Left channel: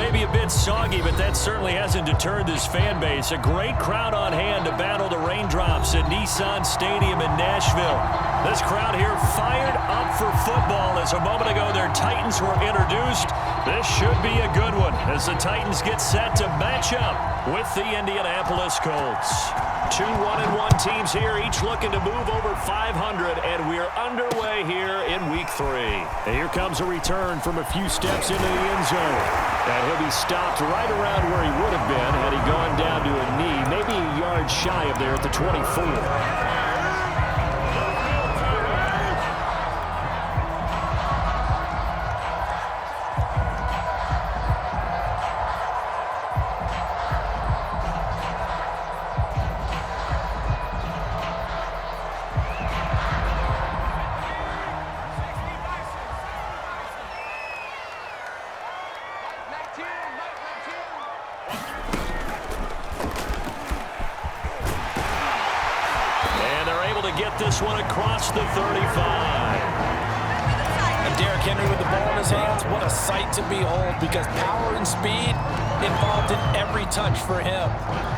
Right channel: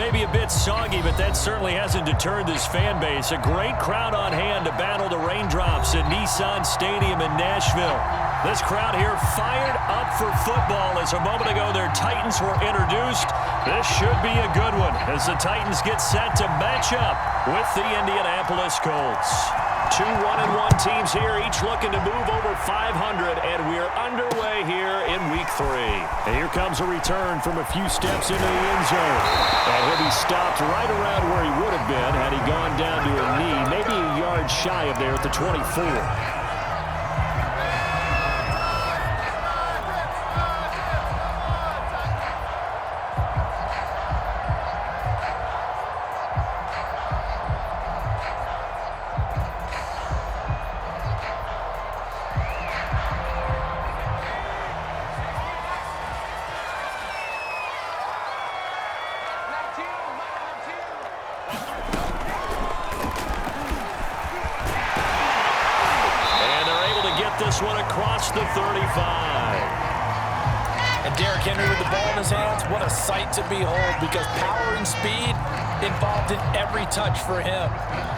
maybe a bit soggy, but that certainly hasn't deterred this fan base. A great crowd on hand to battle the raindrops at Nissan Stadium in Nashville. This crowd here fired up for football as a moment ago their Titans were introduced. This should be a good one as the Titans get set to match up with the Indianapolis Colts. Two 1-1 teams here, each looking to move over 500, and we're underway here in Week 3. And here comes a return from a few steps into the end zone. And he'll be stopped right around where he would have been had he gone down to a knee, maybe a yard shy of there at the 24. This one across the 35. And Derrick Henry with the ball in his hands, what a sight to behold, because power and speed involved in every touch for him.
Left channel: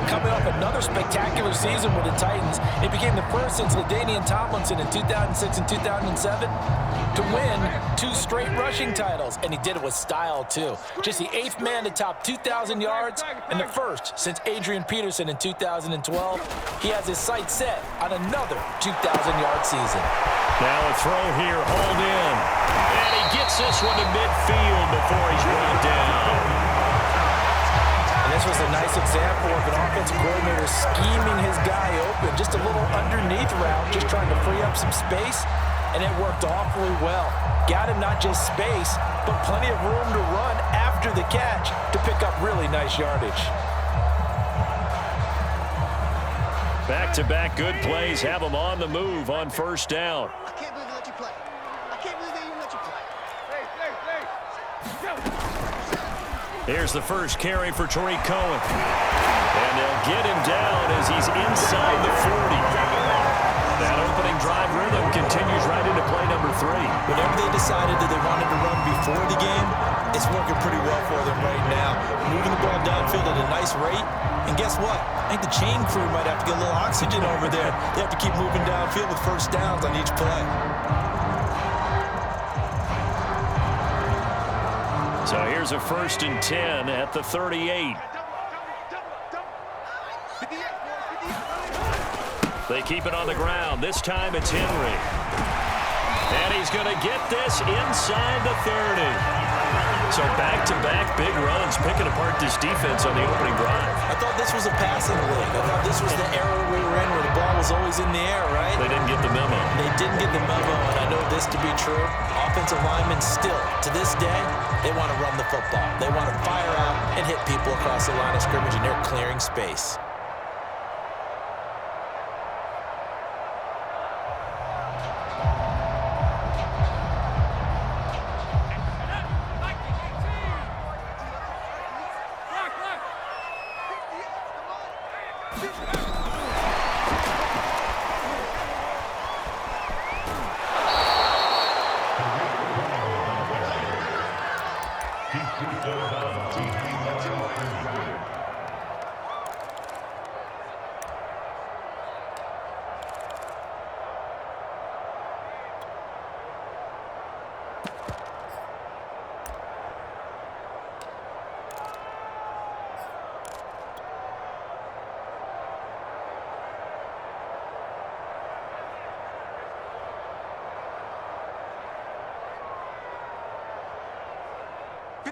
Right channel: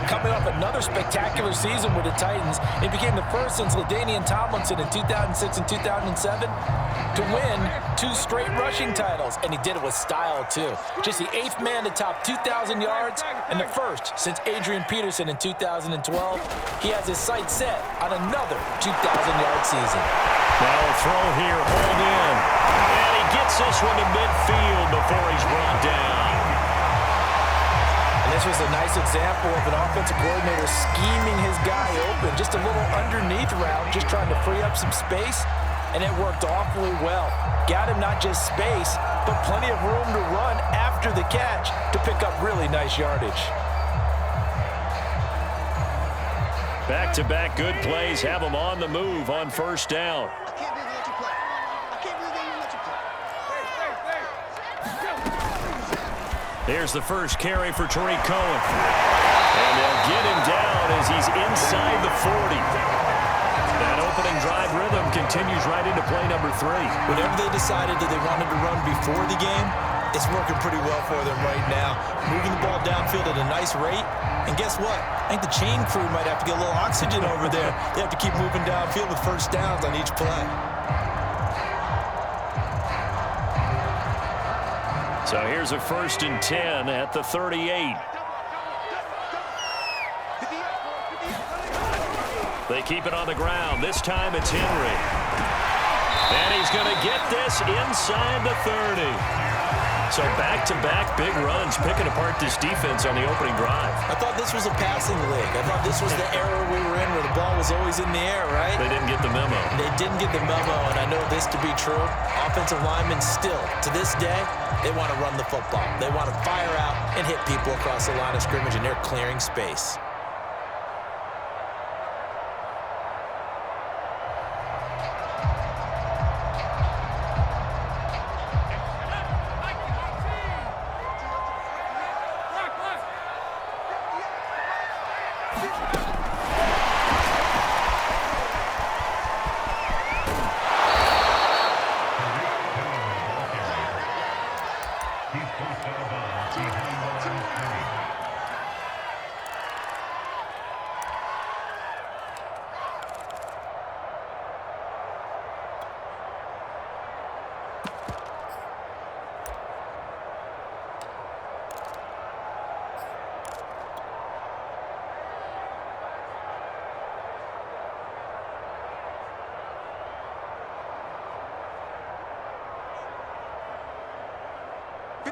Coming off another spectacular season with the Titans, it became the first since LaDainian Tomlinson in 2006 and 2007 to win 2 straight rushing titles, and he did it with style too. Just the 8th man to top 2,000 yards and the first since Adrian Peterson in 2012. He has his sights set on another 2,000-yard season. Now a throw here, hauled in, and he gets this one to midfield before he's brought down. And this was a nice example of an offensive coordinator scheming his guy open, just a little underneath route, just trying to free up some space. And it worked awfully well. Got him not just space, but plenty of room to run after the catch to pick up really nice yardage. Back-to-back good plays have them on the move on first down. I can't believe they let you play. I can't believe they even let you play. Here's the first carry for Tariq Cohen. And they'll get him down as he's inside the 40. That opening drive rhythm continues right into play number 3. Whatever they decided that they wanted to run before the game, it's working pretty well for them right now. Moving the ball downfield at a nice rate. And guess what? I think the chain crew might have to get a little oxygen over there. They have to keep moving downfield with first downs on each play. So here's a 1st and 10 at the 38. They keep it on the ground. This time it's Henry. And he's going to get this inside the 30. So back-to-back big runs, picking apart this defense on the opening drive. I thought this was a passing league. I thought this was the era we were in where the ball was always in the air, right? They didn't get the memo. They didn't get the memo, and I know this to be true. Offensive linemen still, to this day, they want to run the football. They want to fire out and hit people across the line of scrimmage, and they're clearing space.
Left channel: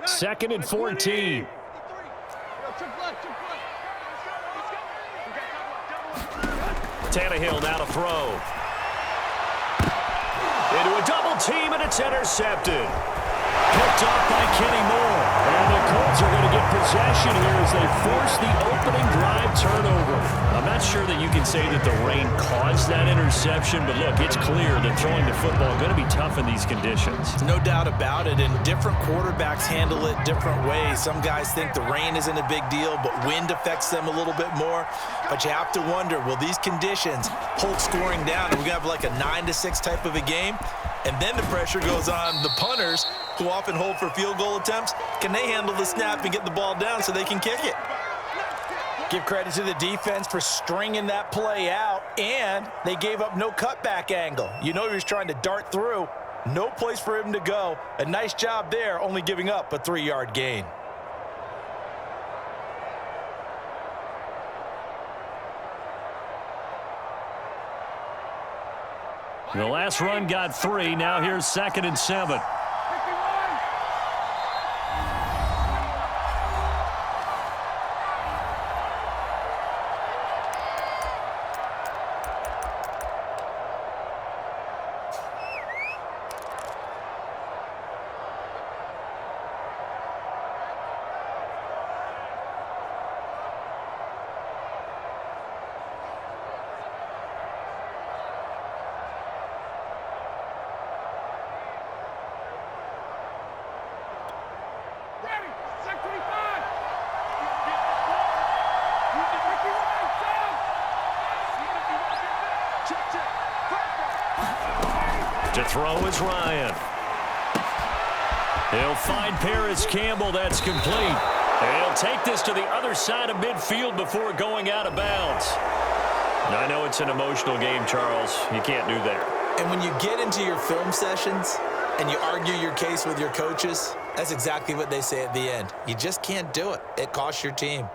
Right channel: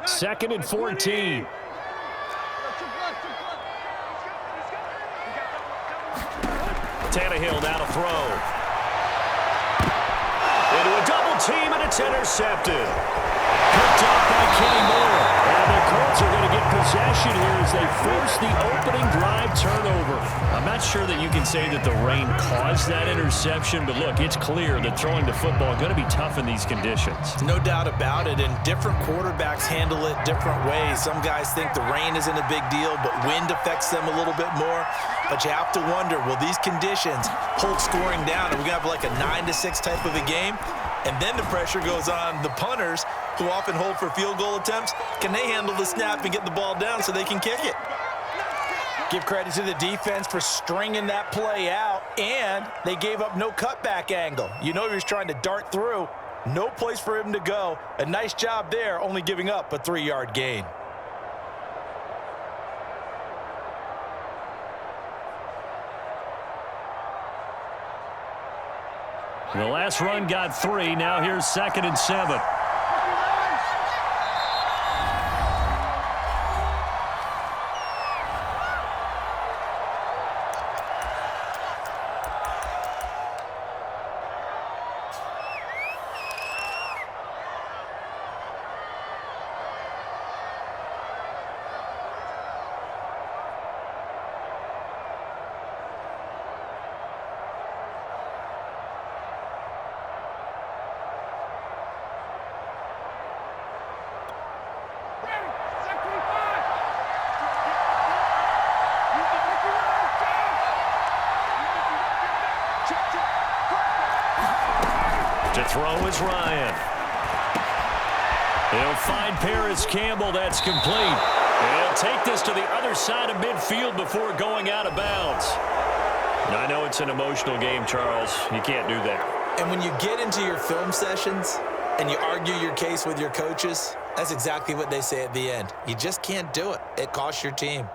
Second and 14. Tannehill now to throw. Into a double team, and it's intercepted. Picked off by Kenny Moore. And the Colts are going to get possession here as they force the opening drive turnover. I'm not sure that you can say that the rain caused that interception, but look, it's clear that throwing the football is going to be tough in these conditions. No doubt about it, and different quarterbacks handle it different ways. Some guys think the rain isn't a big deal, but wind affects them a little bit more. But you have to wonder, will these conditions hold scoring down? Are we going to have like a 9-6 type of a game? And then the pressure goes on the punters, who often hold for field goal attempts. Can they handle the snap and get the ball down so they can kick it? Give credit to the defense for stringing that play out, and they gave up no cutback angle. You know he was trying to dart through. No place for him to go. A nice job there, only giving up a 3-yard gain. The last run got 3. Now here's 2nd and 7. To throw is Ryan. He'll find Paris Campbell. That's complete. He'll take this to the other side of midfield before going out of bounds. I know it's an emotional game, Charles. You can't do that. And when you get into your film sessions and you argue your case with your coaches, that's exactly what they say at the end. You just can't do it. It costs your team.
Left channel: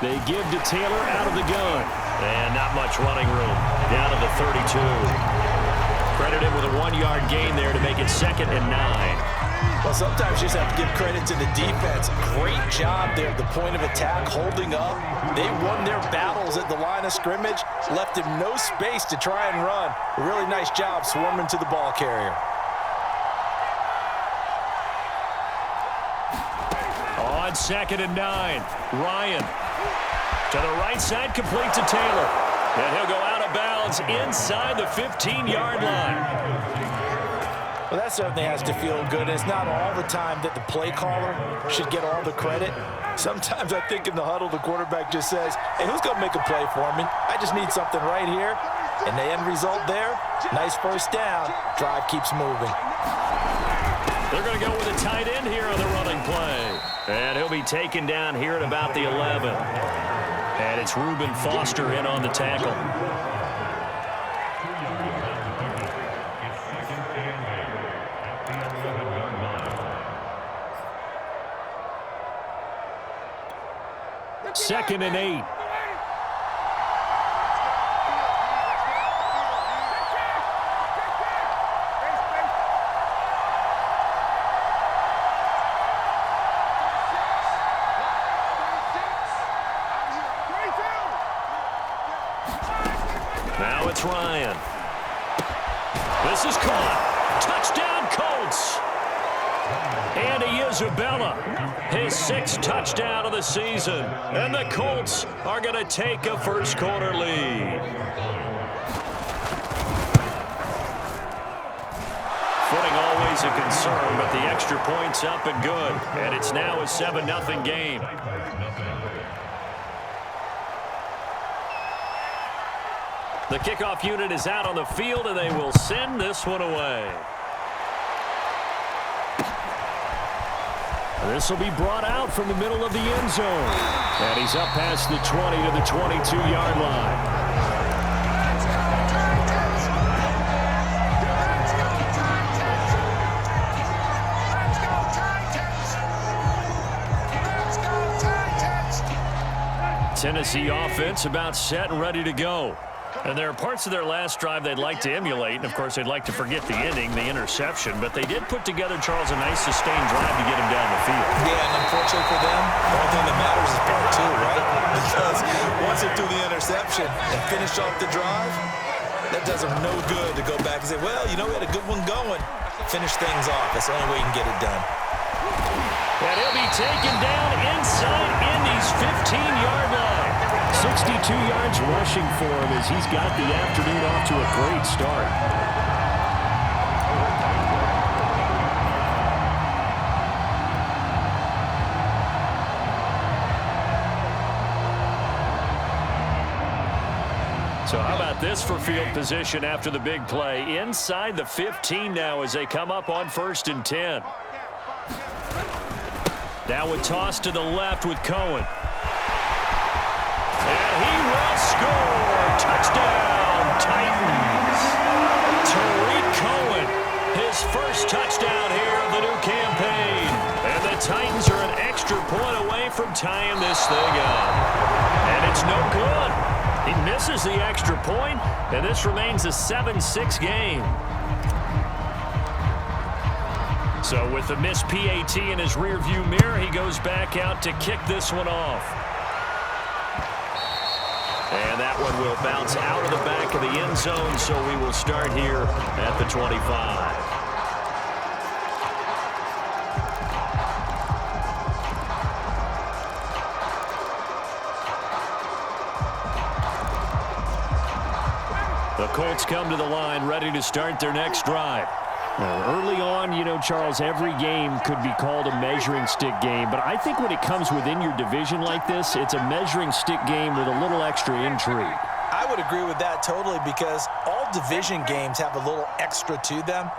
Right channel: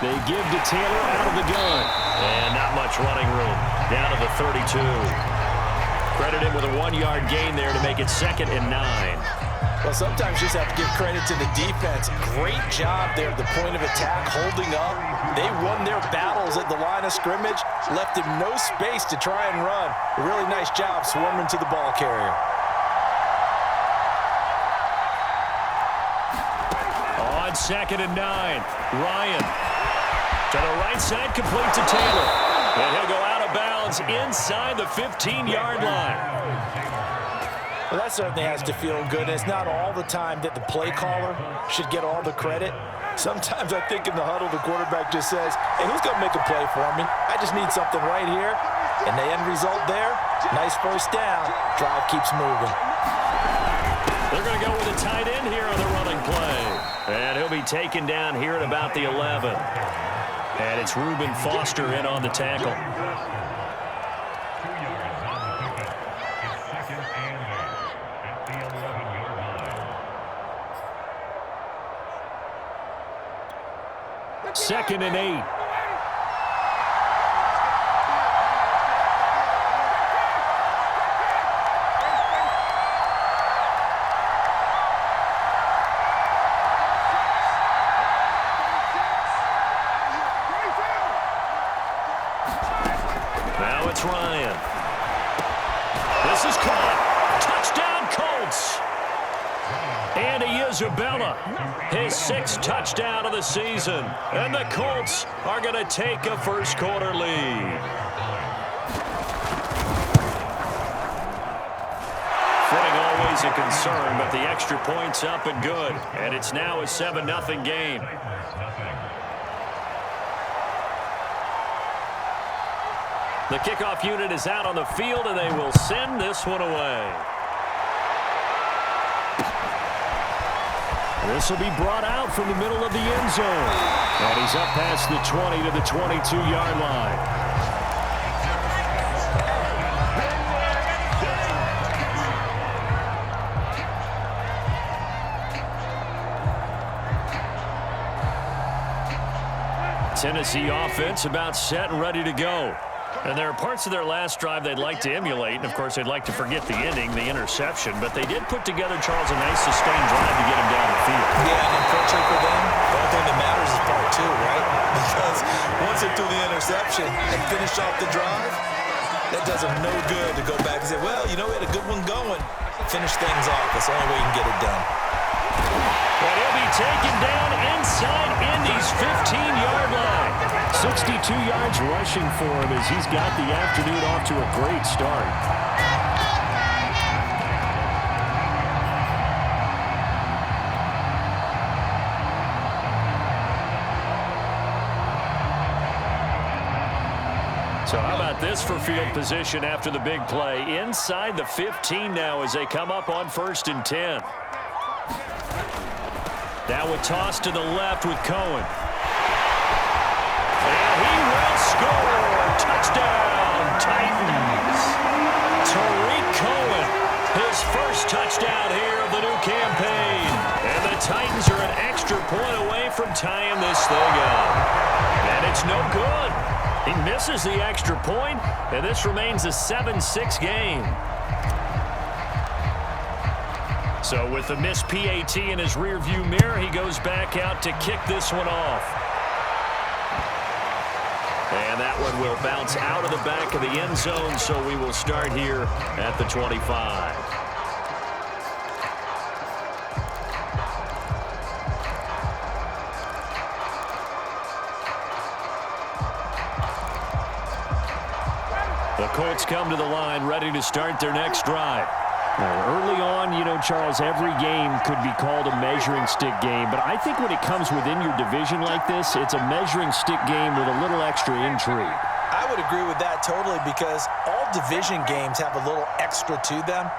They give to Taylor out of the gun. And not much running room. Down to the 32. Credit him with a 1-yard gain there to make it 2nd and 9. Well, sometimes you just have to give credit to the defense. Great job there at the point of attack, holding up. They won their battles at the line of scrimmage, left him no space to try and run. A really nice job swarming to the ball carrier. On 2nd and 9, Ryan. To the right side, complete to Taylor. And he'll go out of bounds inside the 15-yard line. Well, that certainly has to feel good. It's not all the time that the play caller should get all the credit. Sometimes I think in the huddle, the quarterback just says, hey, who's going to make a play for me? I just need something right here. And the end result there, nice first down. Drive keeps moving. They're going to go with a tight end here on the running play. And he'll be taken down here at about the 11. And it's Reuben Foster in on the tackle. Second and 8. Now it's Ryan. This is caught. Touchdown, Colts. Andy Isabella, his 6th touchdown of the season. And the Colts are going to take a first-quarter lead. Footing always a concern, but the extra point's up and good. And it's now a 7-0 game. The kickoff unit is out on the field, and they will send this one away. This will be brought out from the middle of the end zone. And he's up past the 20 to the 22-yard line. Tennessee offense about set and ready to go. And there are parts of their last drive they'd like to emulate. And, of course, they'd like to forget the ending, the interception. But they did put together, Charles, a nice sustained drive to get him down the field. Yeah, and unfortunately for them, the only thing that matters is part 2, right? Because once they threw the interception and finished off the drive, that does them no good to go back and say, well, you know, we had a good one going. Finish things off. That's the only way you can get it done. And he'll be taken down inside Indy's 15-yard line. 62 yards rushing for him as he's got the afternoon off to a great start. So how about this for field position after the big play? Inside the 15 now as they come up on 1st and 10. Now a toss to the left with Cohen. And he will score. Touchdown, Titans. Tariq Cohen, his first touchdown here of the new campaign. And the Titans are an extra point away from tying this thing up. And it's no good. He misses the extra point, and this remains a 7-6 game. So with the missed PAT in his rearview mirror, he goes back out to kick this one off. And that one will bounce out of the back of the end zone, so we will start here at the 25. The Colts come to the line, ready to start their next drive. Early on, you know, Charles, every game could be called a measuring stick game, but I think when it comes within your division like this, it's a measuring stick game with a little extra intrigue. I would agree with that totally because all division games have a little extra to them.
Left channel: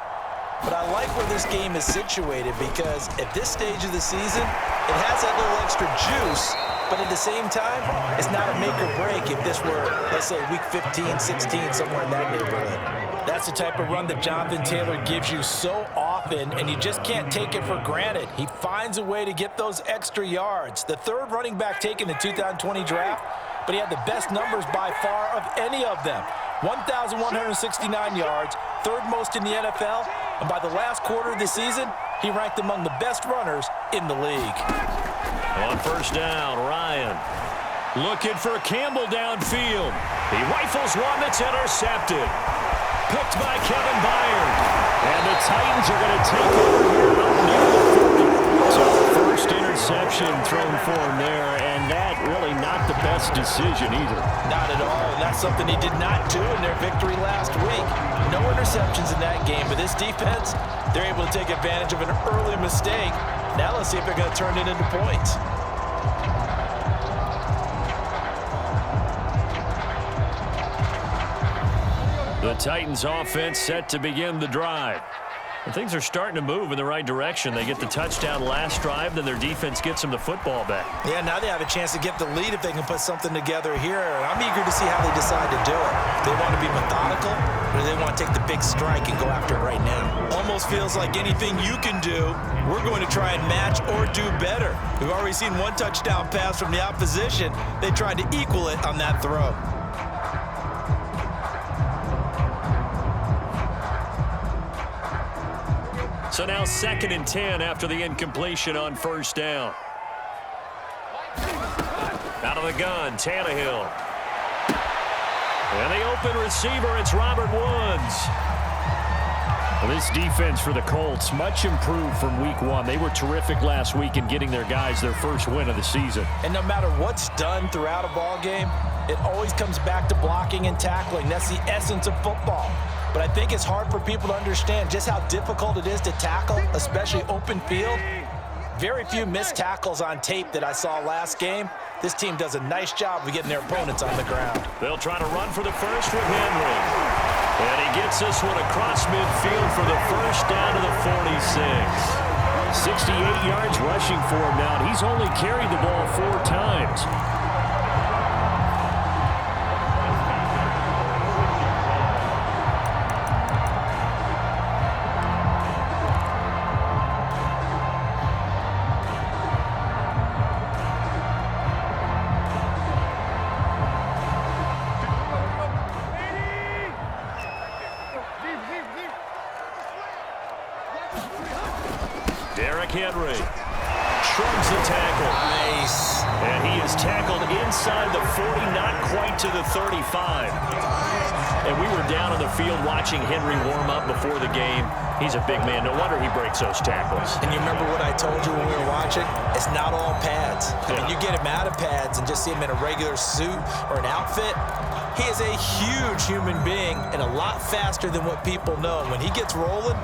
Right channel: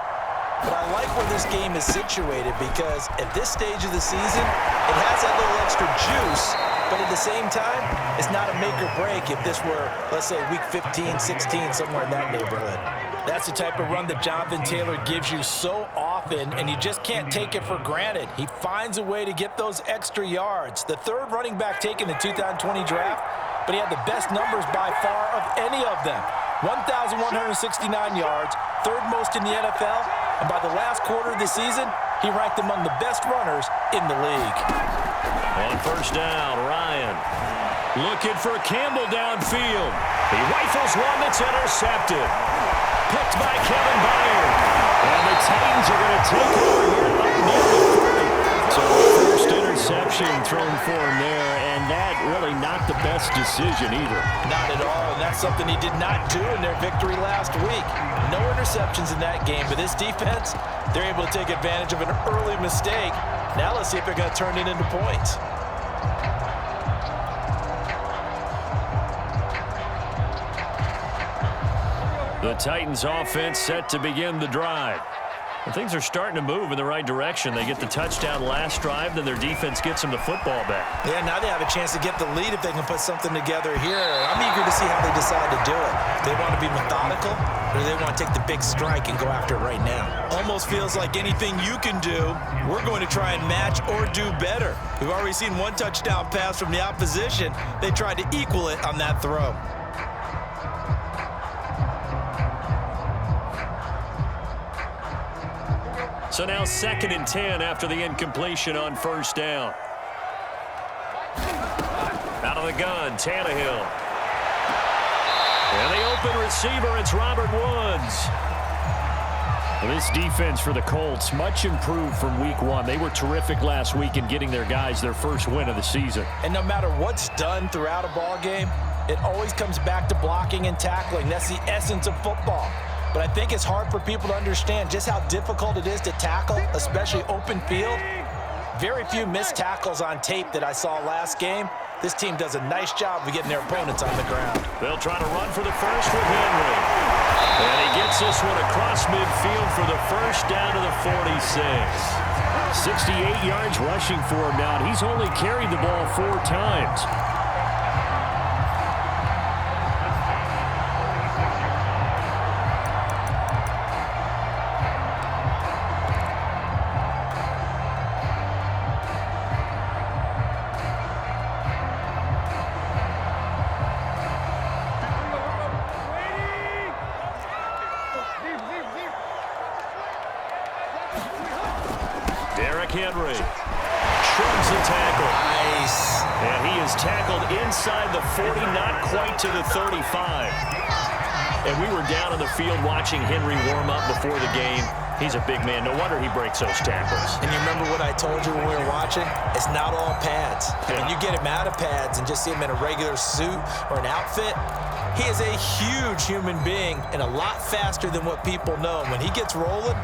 But I like where this game is situated because at this stage of the season, it has that little extra juice, but at the same time, it's not a make or break if this were, let's say, week 15, 16, somewhere in that neighborhood. That's the type of run that Jonathan Taylor gives you so often, and you just can't take it for granted. He finds a way to get those extra yards. The third running back taken in the 2020 draft, but he had the best numbers by far of any of them. 1,169 yards, third most in the NFL, and by the last quarter of the season, he ranked among the best runners in the league. On 1st down, Ryan looking for Campbell downfield. He rifles one that's intercepted. Picked by Kevin Byard. And the Titans are going to take over here up near the 40. So first interception thrown for him there, and that really not the best decision either. Not at all, and that's something he did not do in their victory last week. No interceptions in that game, but this defense, they're able to take advantage of an early mistake. Now let's see if they're going to turn it into points. The Titans offense set to begin the drive. And things are starting to move in the right direction. They get the touchdown last drive, then their defense gets them the football back. Yeah, now they have a chance to get the lead if they can put something together here. I'm eager to see how they decide to do it. They want to be methodical, or do they want to take the big strike and go after it right now? Almost feels like anything you can do, we're going to try and match or do better. We've already seen one touchdown pass from the opposition. They tried to equal it on that throw. So now 2nd and 10 after the incompletion on 1st down. Out of the gun, Tannehill. And the open receiver, it's Robert Woods. Well, this defense for the Colts, much improved from week 1. They were terrific last week in getting their guys their first win of the season. And no matter what's done throughout a ball game, it always comes back to blocking and tackling. That's the essence of football. But I think it's hard for people to understand just how difficult it is to tackle, especially open field. Very few missed tackles on tape that I saw last game. This team does a nice job of getting their opponents on the ground. They'll try to run for the first with Henry. And he gets this one across midfield for the first down to the 46. 68 yards rushing for him now, and he's only carried the ball 4 times. Henry shrugs the tackle. Nice. And he is tackled inside the 40, not quite to the 35. And we were down on the field watching Henry warm up before the game. He's a big man. No wonder he breaks those tackles. And you remember what I told you when we were watching? It's not all pads. I mean, you get him out of pads and just see him in a regular suit or an outfit. He is a huge human being and a lot faster than what people know. And when he gets rolling,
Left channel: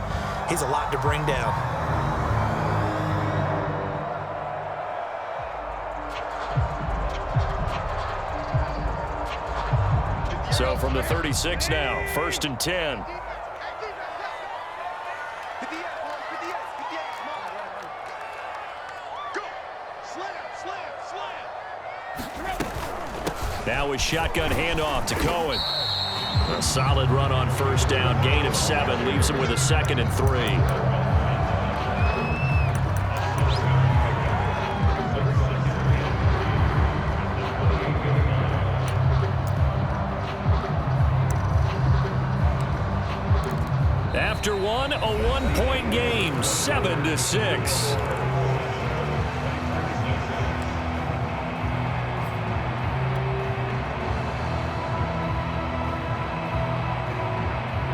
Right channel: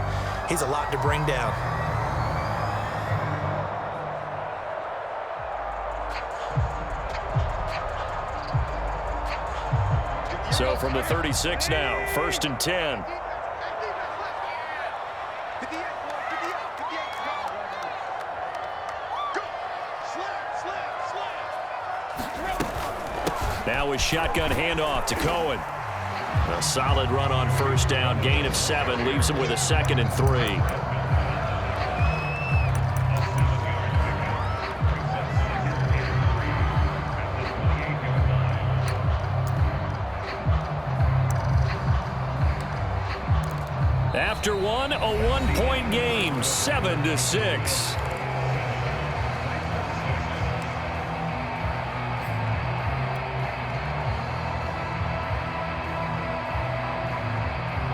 he's a lot to bring down. So from the 36 now, 1st and 10. Now a shotgun handoff to Cohen. A solid run on 1st down, gain of 7, leaves him with a 2nd and 3. After one, a 1-point game, 7-6.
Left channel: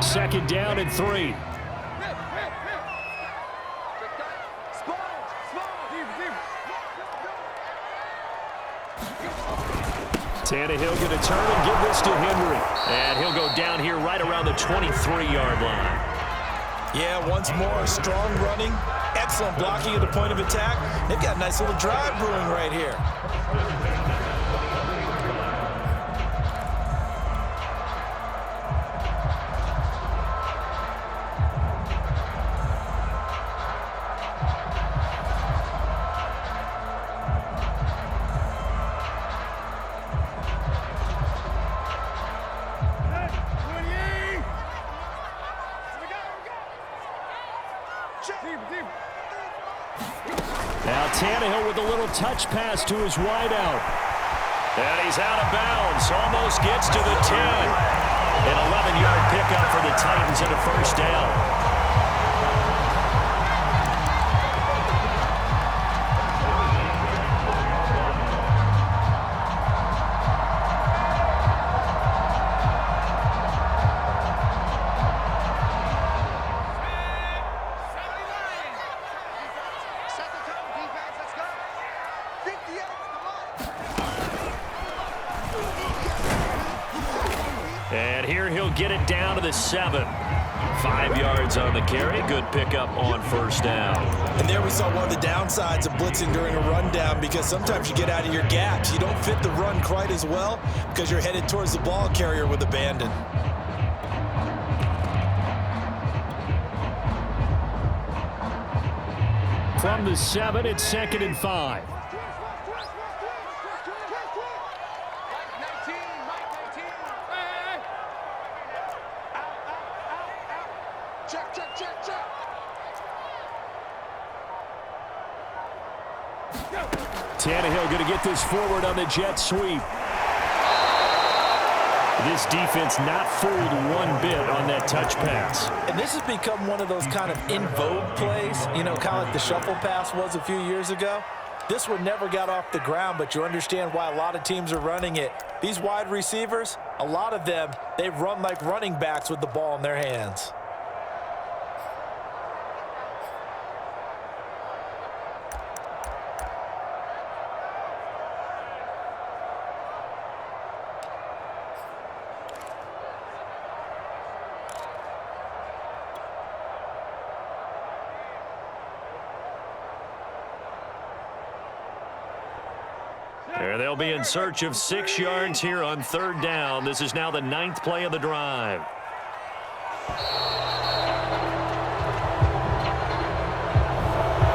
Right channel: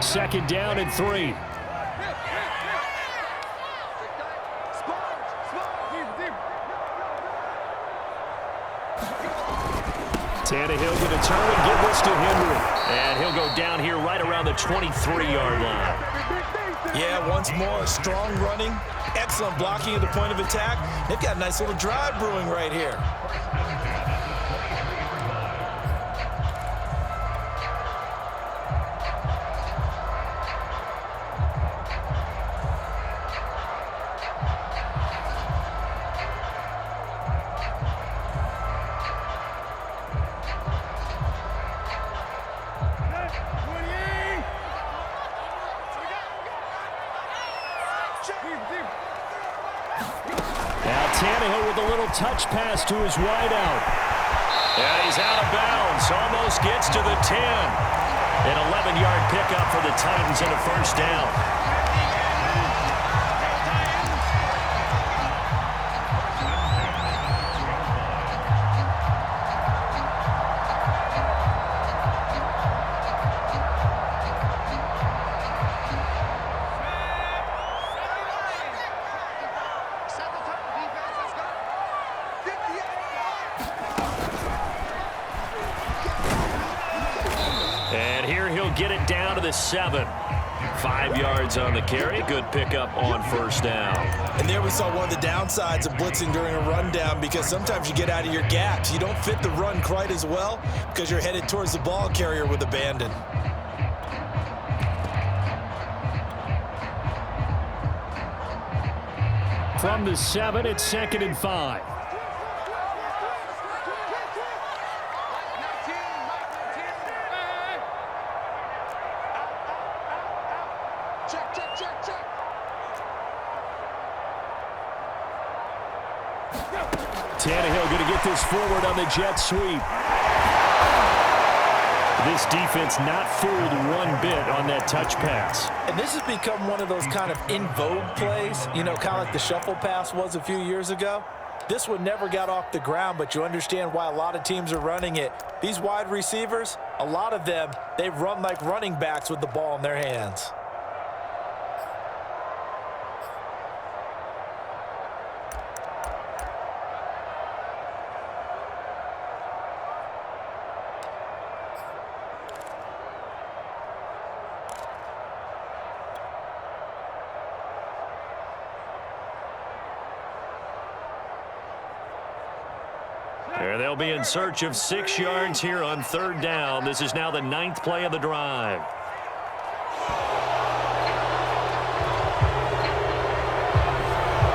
Second down and 3. Tannehill going to turn and give this to Henry. And he'll go down here right around the 23-yard line. Yeah, once more, strong running, excellent blocking at the point of attack. They've got a nice little drive brewing right here. Now Tannehill with a little touch pass to his wideout. And he's out of bounds. Almost gets to the 10. An 11-yard pickup for the Titans and a 1st down. And here he'll get it down to the 7. 5 yards on the carry. Good pickup on 1st down. And there we saw one of the downsides of blitzing during a rundown, because sometimes you get out of your gaps. You don't fit the run quite as well because you're headed towards the ball carrier with abandon. From the 7, it's 2nd and 5. Tannehill going to get this forward on the jet sweep. This defense not fooled one bit on that touch pass. And this has become one of those kind of in vogue plays, you know, kind of like the shuffle pass was a few years ago. This one never got off the ground, but you understand why a lot of teams are running it. These wide receivers, a lot of them, they run like running backs with the ball in their hands. They'll be in search of 6 yards here on 3rd down. This is now the 9th play of the drive.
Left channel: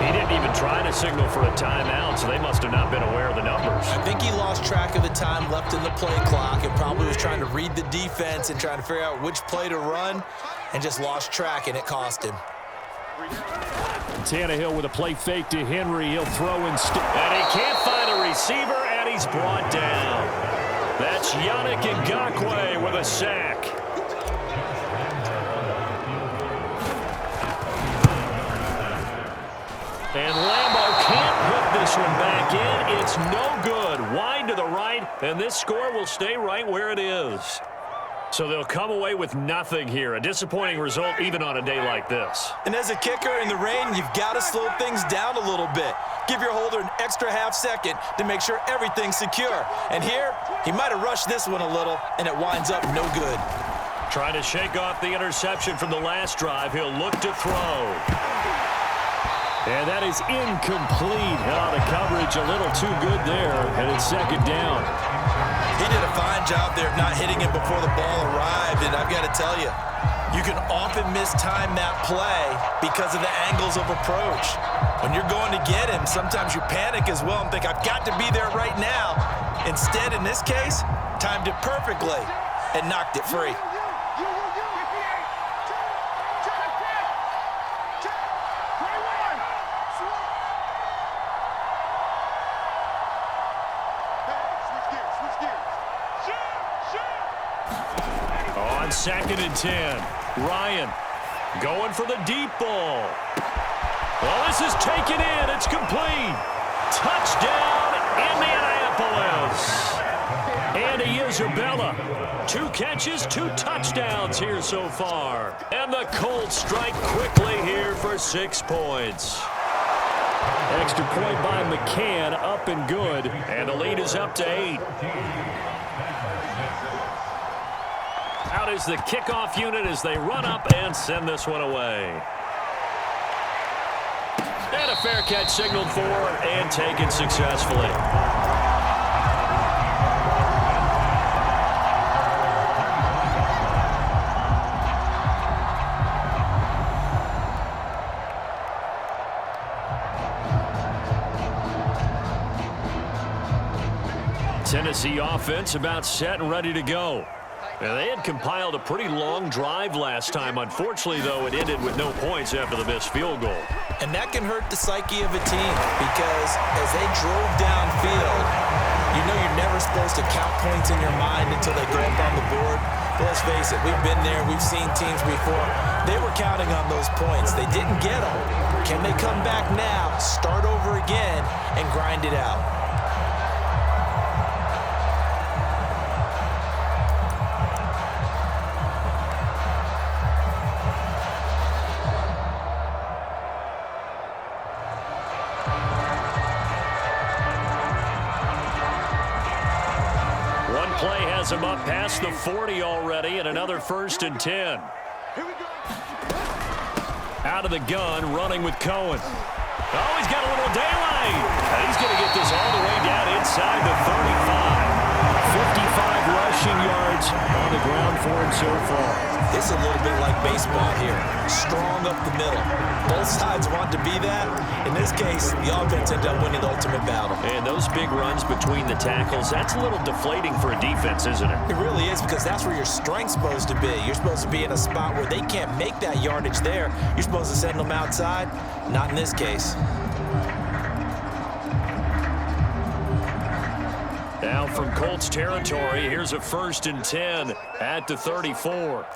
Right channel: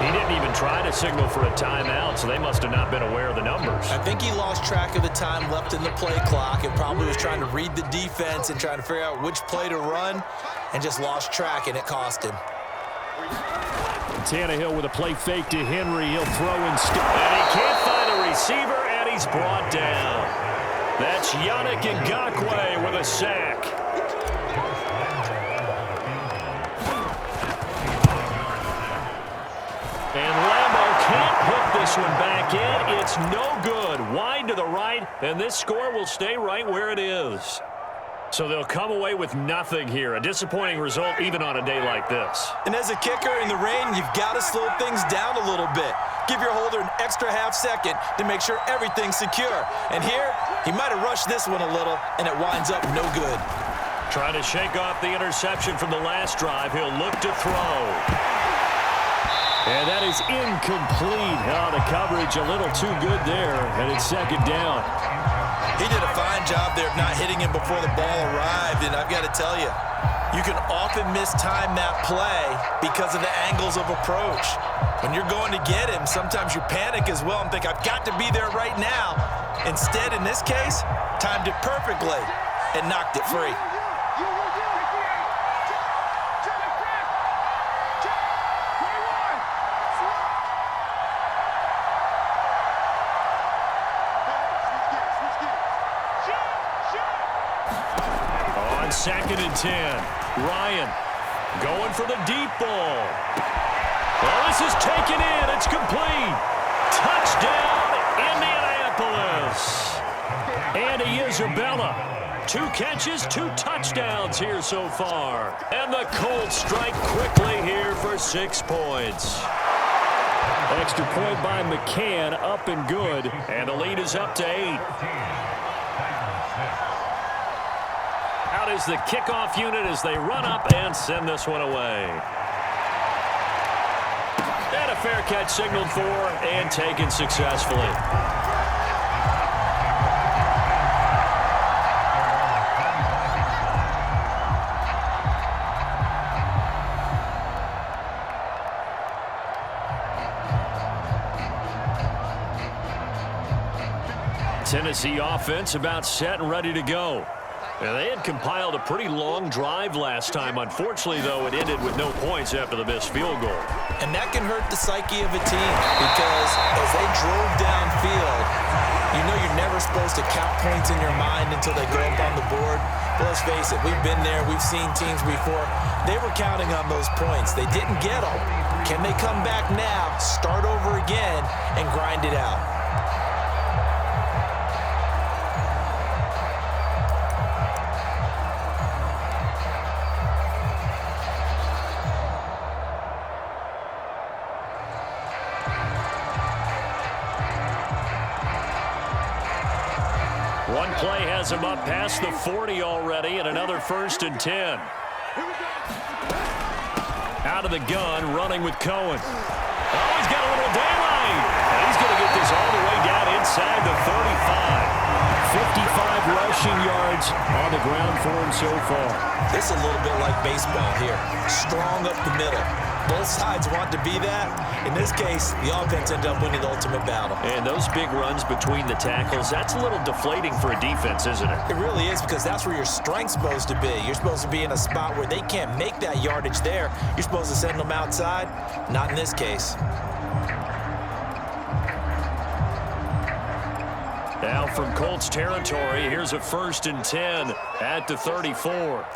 He didn't even try to signal for a timeout, so they must have not been aware of the numbers. I think he lost track of the time left in the play clock and probably was trying to read the defense and trying to figure out which play to run, and just lost track, and it cost him. Tannehill with a play fake to Henry. He'll throw and he can't find a receiver, and he's brought down. That's Yannick Ngakoue with a sack. And Lambeau can't hit this one back in. It's no good. Wide to the right, and this score will stay right where it is. So they'll come away with nothing here. A disappointing result even on a day like this. And as a kicker in the rain, you've got to slow things down a little bit. Give your holder an extra half second to make sure everything's secure. And here, he might have rushed this one a little, and it winds up no good. Trying to shake off the interception from the last drive. He'll look to throw. And that is incomplete. Oh, the coverage a little too good there, and it's second down. He did a fine job there of not hitting him before the ball arrived, and I've got to tell you, you can often mistime that play because of the angles of approach. When you're going to get him, sometimes you panic as well and think, I've got to be there right now. Instead, in this case, timed it perfectly and knocked it free. On 2nd and 10, Ryan going for the deep ball. Well, this is taken in. It's complete. Touchdown, Indianapolis. Andy Isabella. 2 catches, 2 touchdowns here so far. And the Colts strike quickly here for 6 points. Extra point by McCann, up and good. And the lead is up to 8. Out is the kickoff unit as they run up and send this one away. And a fair catch signaled for and taken successfully. Tennessee offense about set and ready to go. And they had compiled a pretty long drive last time. Unfortunately, though, it ended with no points after the missed field goal. And that can hurt the psyche of a team because as they drove downfield, you know you're never supposed to count points in your mind until they go up on the board. But let's face it, we've been there. We've seen teams before. They were counting on those points. They didn't get them. Can they come back now, start over again, and grind it out? One play has him up past the 40 already, and another 1st and 10. Out of the gun, running with Cohen. Oh, he's got a little daylight. And he's going to get this all the way down inside the 35. 55 rushing yards on the ground for him so far. This is a little bit like baseball here. Strong up the middle. Both sides want to be that. In this case, the offense ended up winning the ultimate battle. And those big runs between the tackles, that's a little deflating for a defense, isn't it? It really is, because that's where your strength's supposed to be. You're supposed to be in a spot where they can't make that yardage there. You're supposed to send them outside. Not in this case. Now from Colts territory, here's a 1st and 10 at the 34.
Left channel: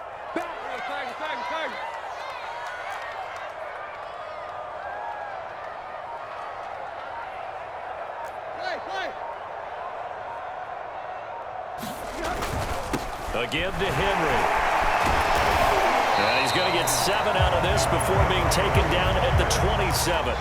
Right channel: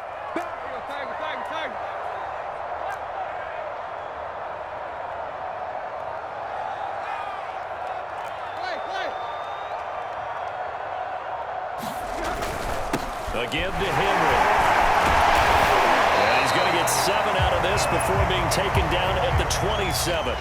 Again to Henry. And he's going to get 7 out of this before being taken down at the 27.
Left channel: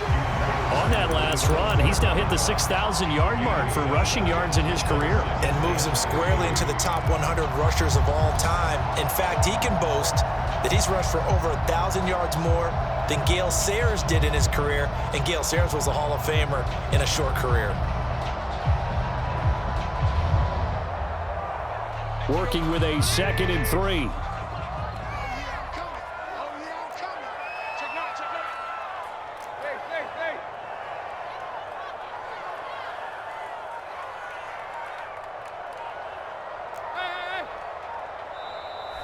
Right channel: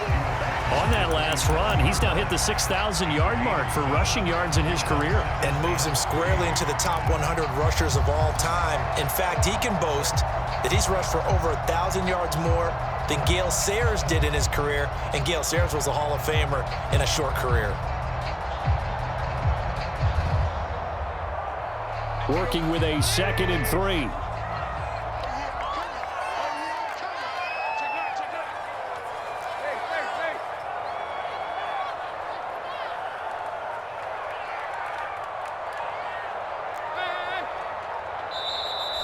On that last run, he's now hit the 6,000-yard mark for rushing yards in his career. And moves him squarely into the top 100 rushers of all time. In fact, he can boast that he's rushed for over 1,000 yards more than Gale Sayers did in his career. And Gale Sayers was a Hall of Famer in a short career. Working with a 2nd and 3.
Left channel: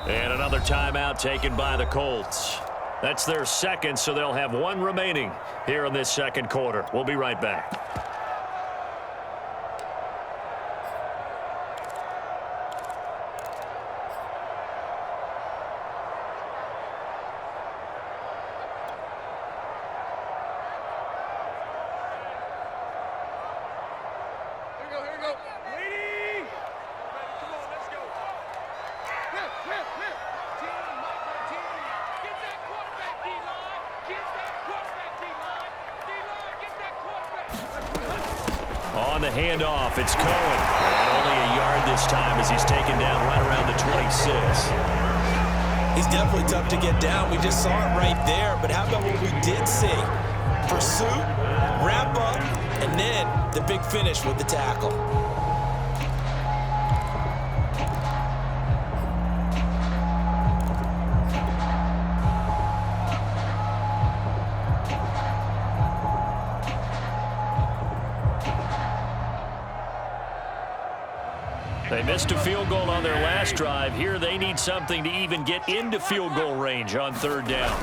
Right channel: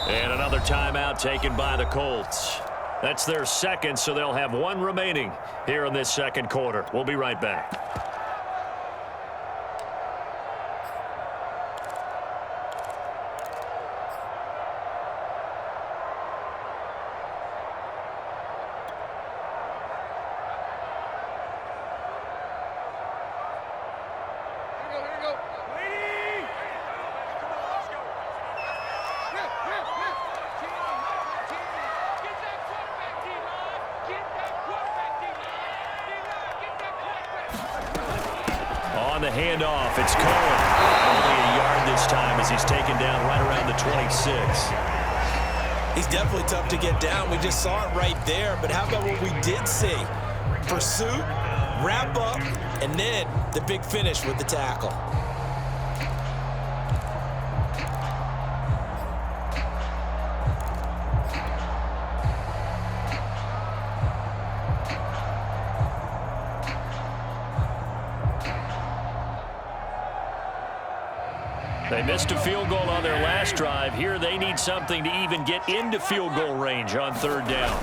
And another timeout taken by the Colts. That's their 2nd, so they'll have 1 remaining here in this 2nd quarter. We'll be right back. On the handoff, it's Cohen. And only a yard this time as he's taken down right around the 26. He's definitely tough to get down. We just saw it right there. But how about what we did see? Pursuit, wrap up, and then the big finish with the tackle. They missed a field goal on their last drive. Here they need something to even get into field goal range on third down.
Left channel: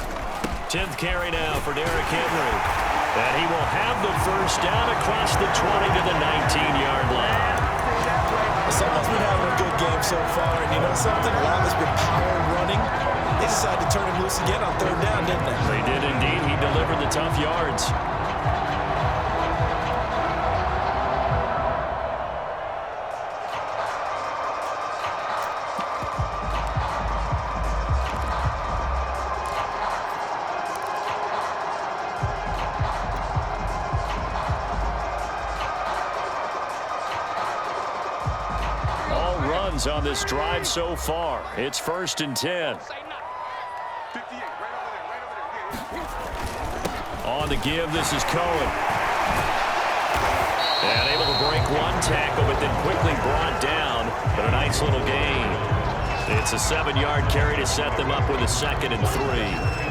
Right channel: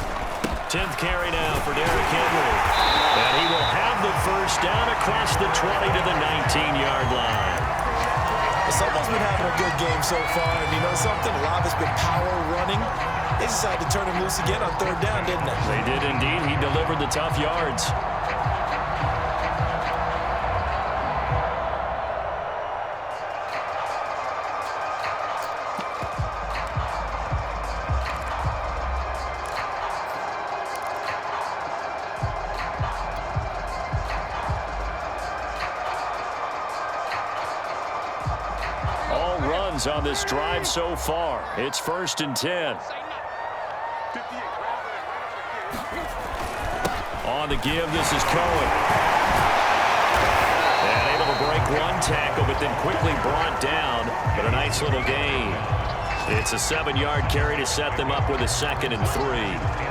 10th carry now for Derrick Henry. And he will have the first down across the 20 to the 19-yard line. Someone's been having a good game so far, and you know something? A lot of it's been power running. They decided to turn him loose again on third down, didn't they? They did indeed. He delivered the tough yards. On this drive so far. It's 1st and 10. On the give, this is Cohen. And able to break one tackle, but then quickly brought down. But a nice little gain. It's a 7-yard carry to set them up with a 2nd and 3.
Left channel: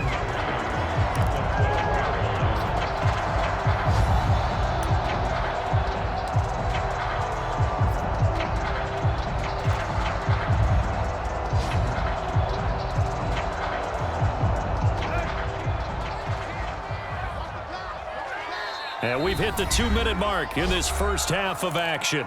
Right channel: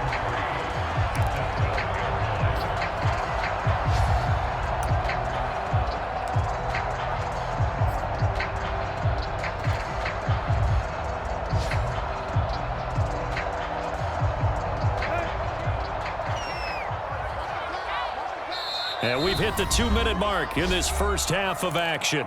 And we've hit the 2-minute mark in this first half of action.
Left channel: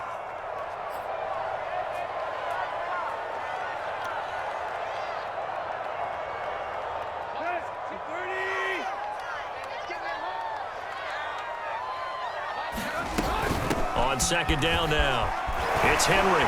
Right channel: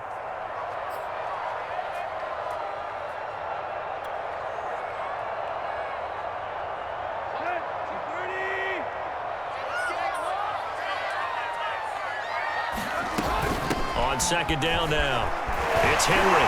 On 2nd down now, it's Henry.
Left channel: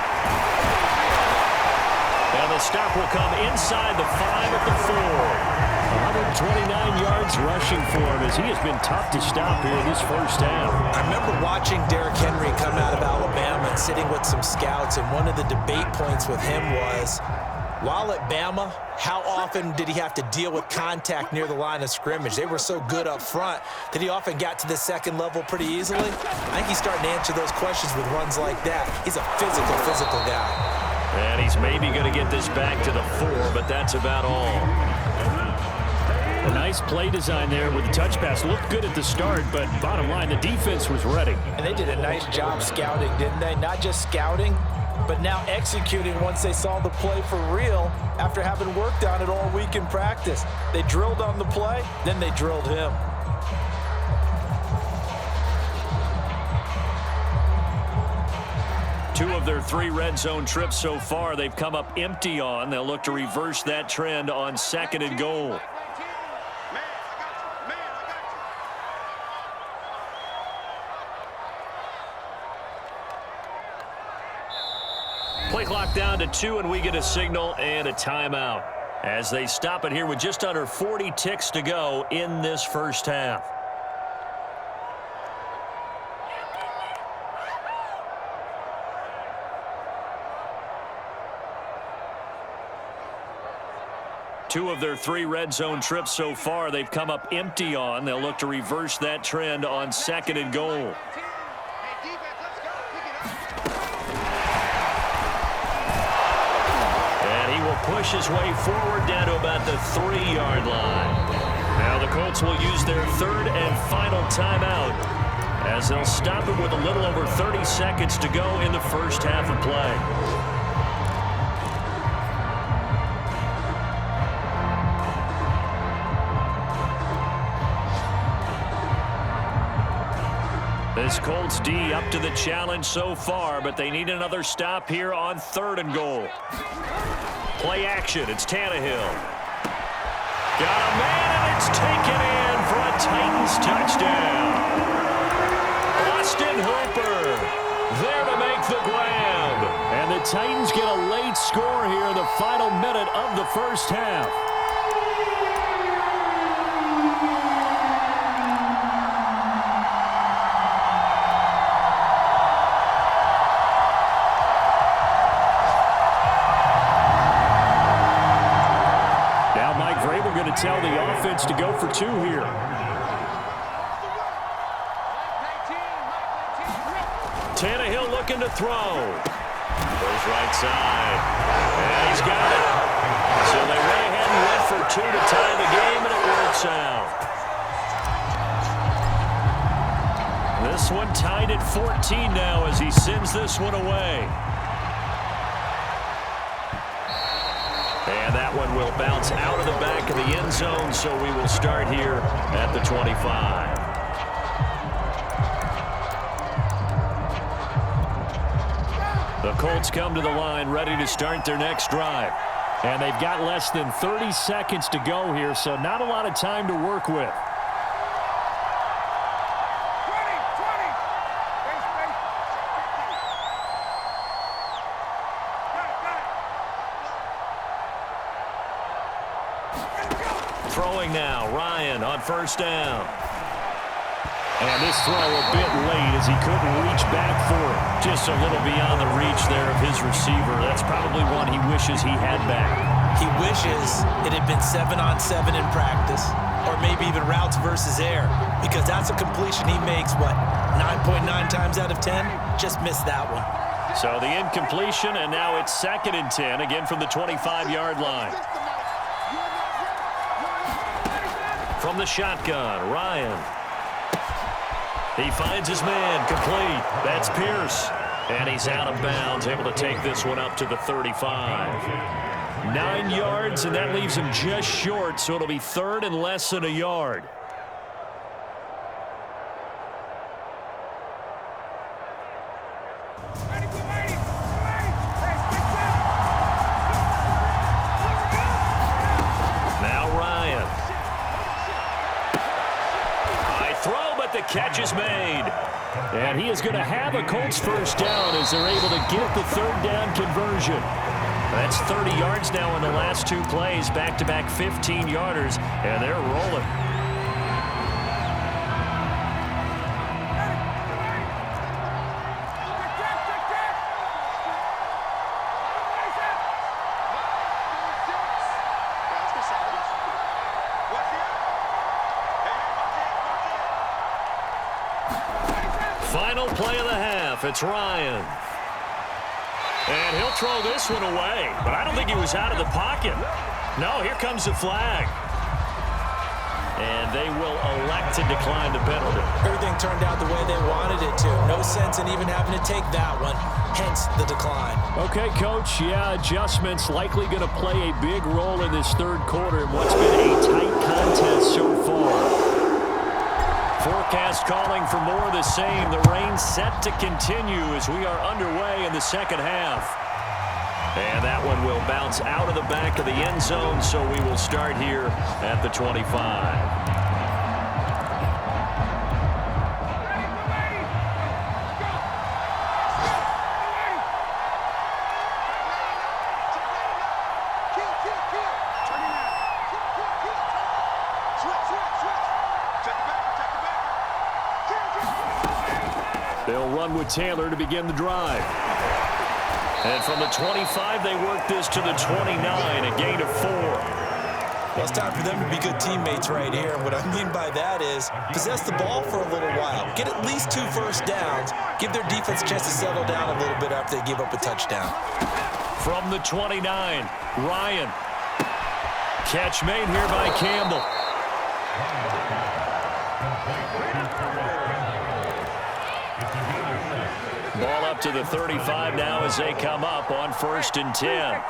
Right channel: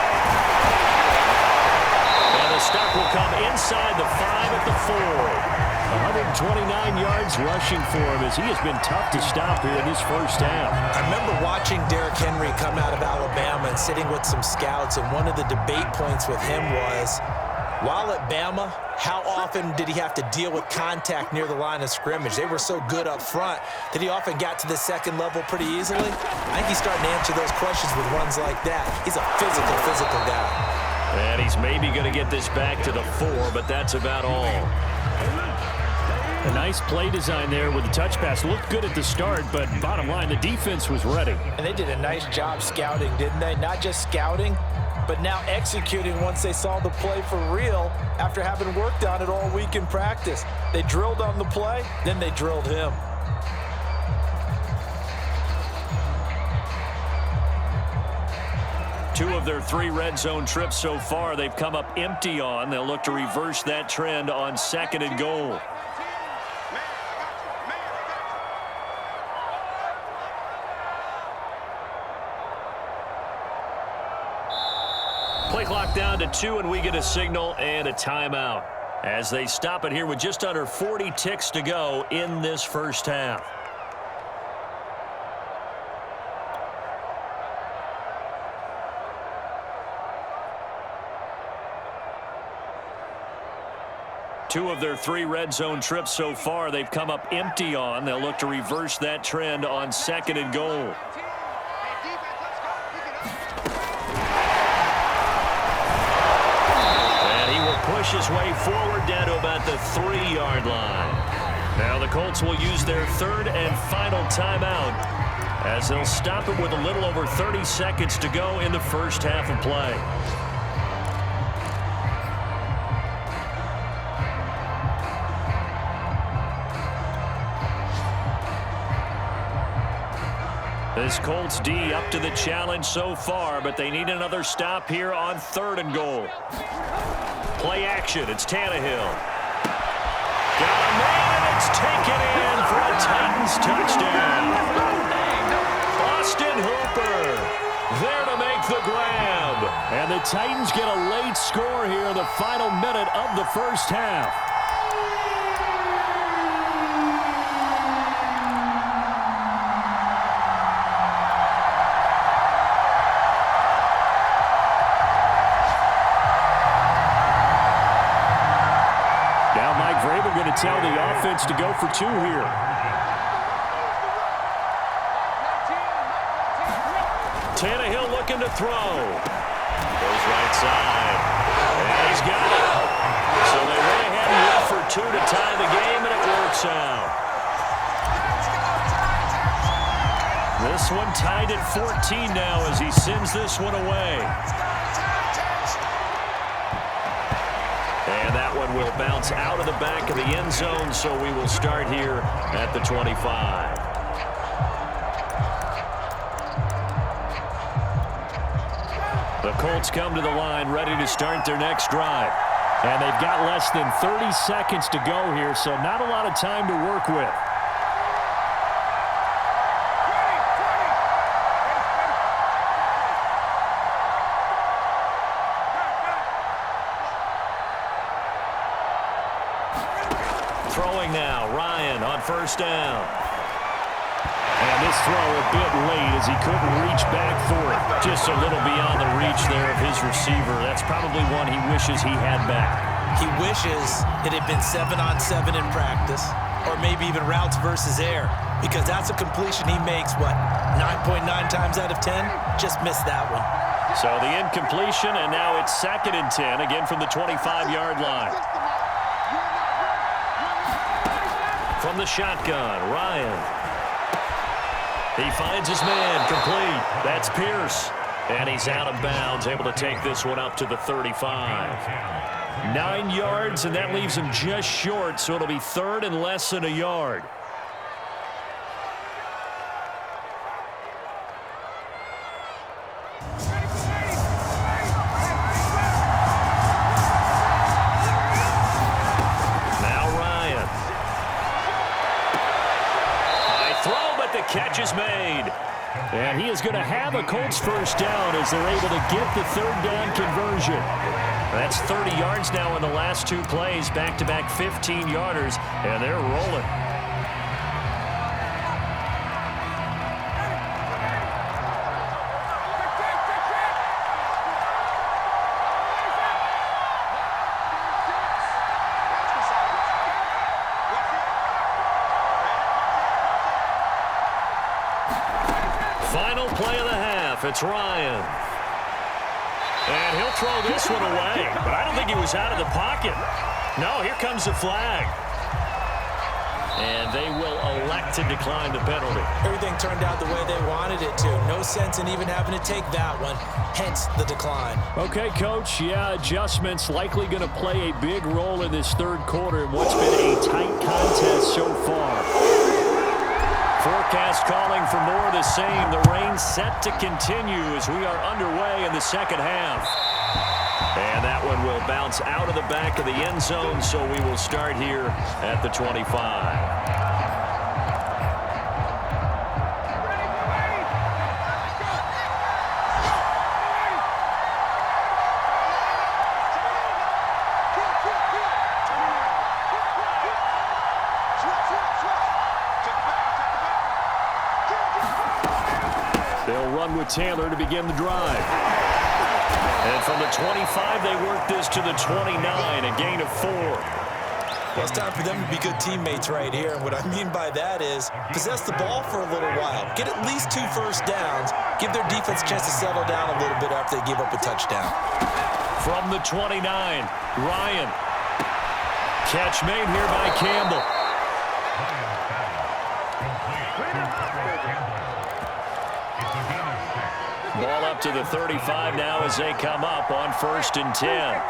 And the stop will come inside the 5 at the 4. 129 yards rushing for him as he has been tough to stop here in this first half. I remember watching Derrick Henry come out of Alabama and sitting with some scouts, and one of the debate points with him was, while at Bama, how often did he have to deal with contact near the line of scrimmage? They were so good up front that he often got to the second level pretty easily. I think he's starting to answer those questions with runs like that. He's a physical guy. And he's maybe going to get this back to the 4, but that's about all. A nice play design there with the touch pass. Looked good at the start, but bottom line, the defense was ready. And they did a nice job scouting, didn't they? Not just scouting, but now executing once they saw the play for real after having worked on it all week in practice. They drilled on the play, then they drilled him. Two of their 3 red zone trips so far, they've come up empty on. They'll look to reverse that trend on 2nd and goal. Play clock down to 2, and we get a signal and a timeout as they stop it here with just under 40 ticks to go in this first half. Two of their 3 red zone trips so far, they've come up empty on. They'll look to reverse that trend on 2nd and goal. Push his way forward down to about the 3-yard line. Now the Colts will use their 3rd and final timeout as they'll stop it with a little over 30 seconds to go in the first half of play. This Colts D up to the challenge so far, but they need another stop here on 3rd and goal. Play action, it's Tannehill. Got a man, and it's taken in for a Titans touchdown. Austin Hooper There to make the grab. And the Titans get a late score here in the final minute of the first half. Now Mike Vrabel going to tell the offense to go for 2 here. Tannehill looking to throw. Goes right side. And he's got it. So they went ahead and went for 2 to tie the game, and it works out. This one tied at 14 now as he sends this one away. And that one will bounce out of the back of the end zone, so we will start here at the 25. The Colts come to the line ready to start their next drive. And they've got less than 30 seconds to go here, so not a lot of time to work with. Throwing now, Ryan on first down. And this throw a bit late as he couldn't reach back for it. Just a little beyond the reach there of his receiver. That's probably one he wishes he had back. He wishes it had been 7-on-7 in practice, or maybe even routes versus air, because that's a completion he makes, what, 9.9 times out of 10? Just missed that one. So the incompletion, and now it's 2nd and 10, again from the 25-yard line. From the shotgun, Ryan. He finds his man, complete. That's Pierce. And he's out of bounds, able to take this one up to the 35. 9 yards, and that leaves him just short, so it'll be 3rd and less than a yard. Now Ryan. High throw, but the catch is made. And he is going to have a Colts first down as they're able to get the 3rd down conversion. That's 30 yards now in the last 2 plays, back-to-back 15-yarders, and they're rolling. Final play of the half, it's Ryan. And he'll throw this one away, but I don't think he was out of the pocket. No, here comes the flag. And they will elect to decline the penalty. Everything turned out the way they wanted it to. No sense in even having to take that one, hence the decline. Okay, Coach, yeah, adjustments likely going to play a big role in this 3rd quarter in what's been a tight contest so far. Forecast calling for more of the same. The rain set to continue as we are underway in the 2nd half. And that one will bounce out of the back of the end zone, so we will start here at the 25. They'll run with Taylor to begin the drive. And from the 25, they work this to the 29, a gain of 4. Well, it's time for them to be good teammates right here. And what I mean by that is possess the ball for a little while. Get at least 2 first downs. Give their defense a chance to settle down a little bit after they give up a touchdown. From the 29, Ryan. Catch made here by Campbell. Ball up to the 35 now as they come up on 1st and 10.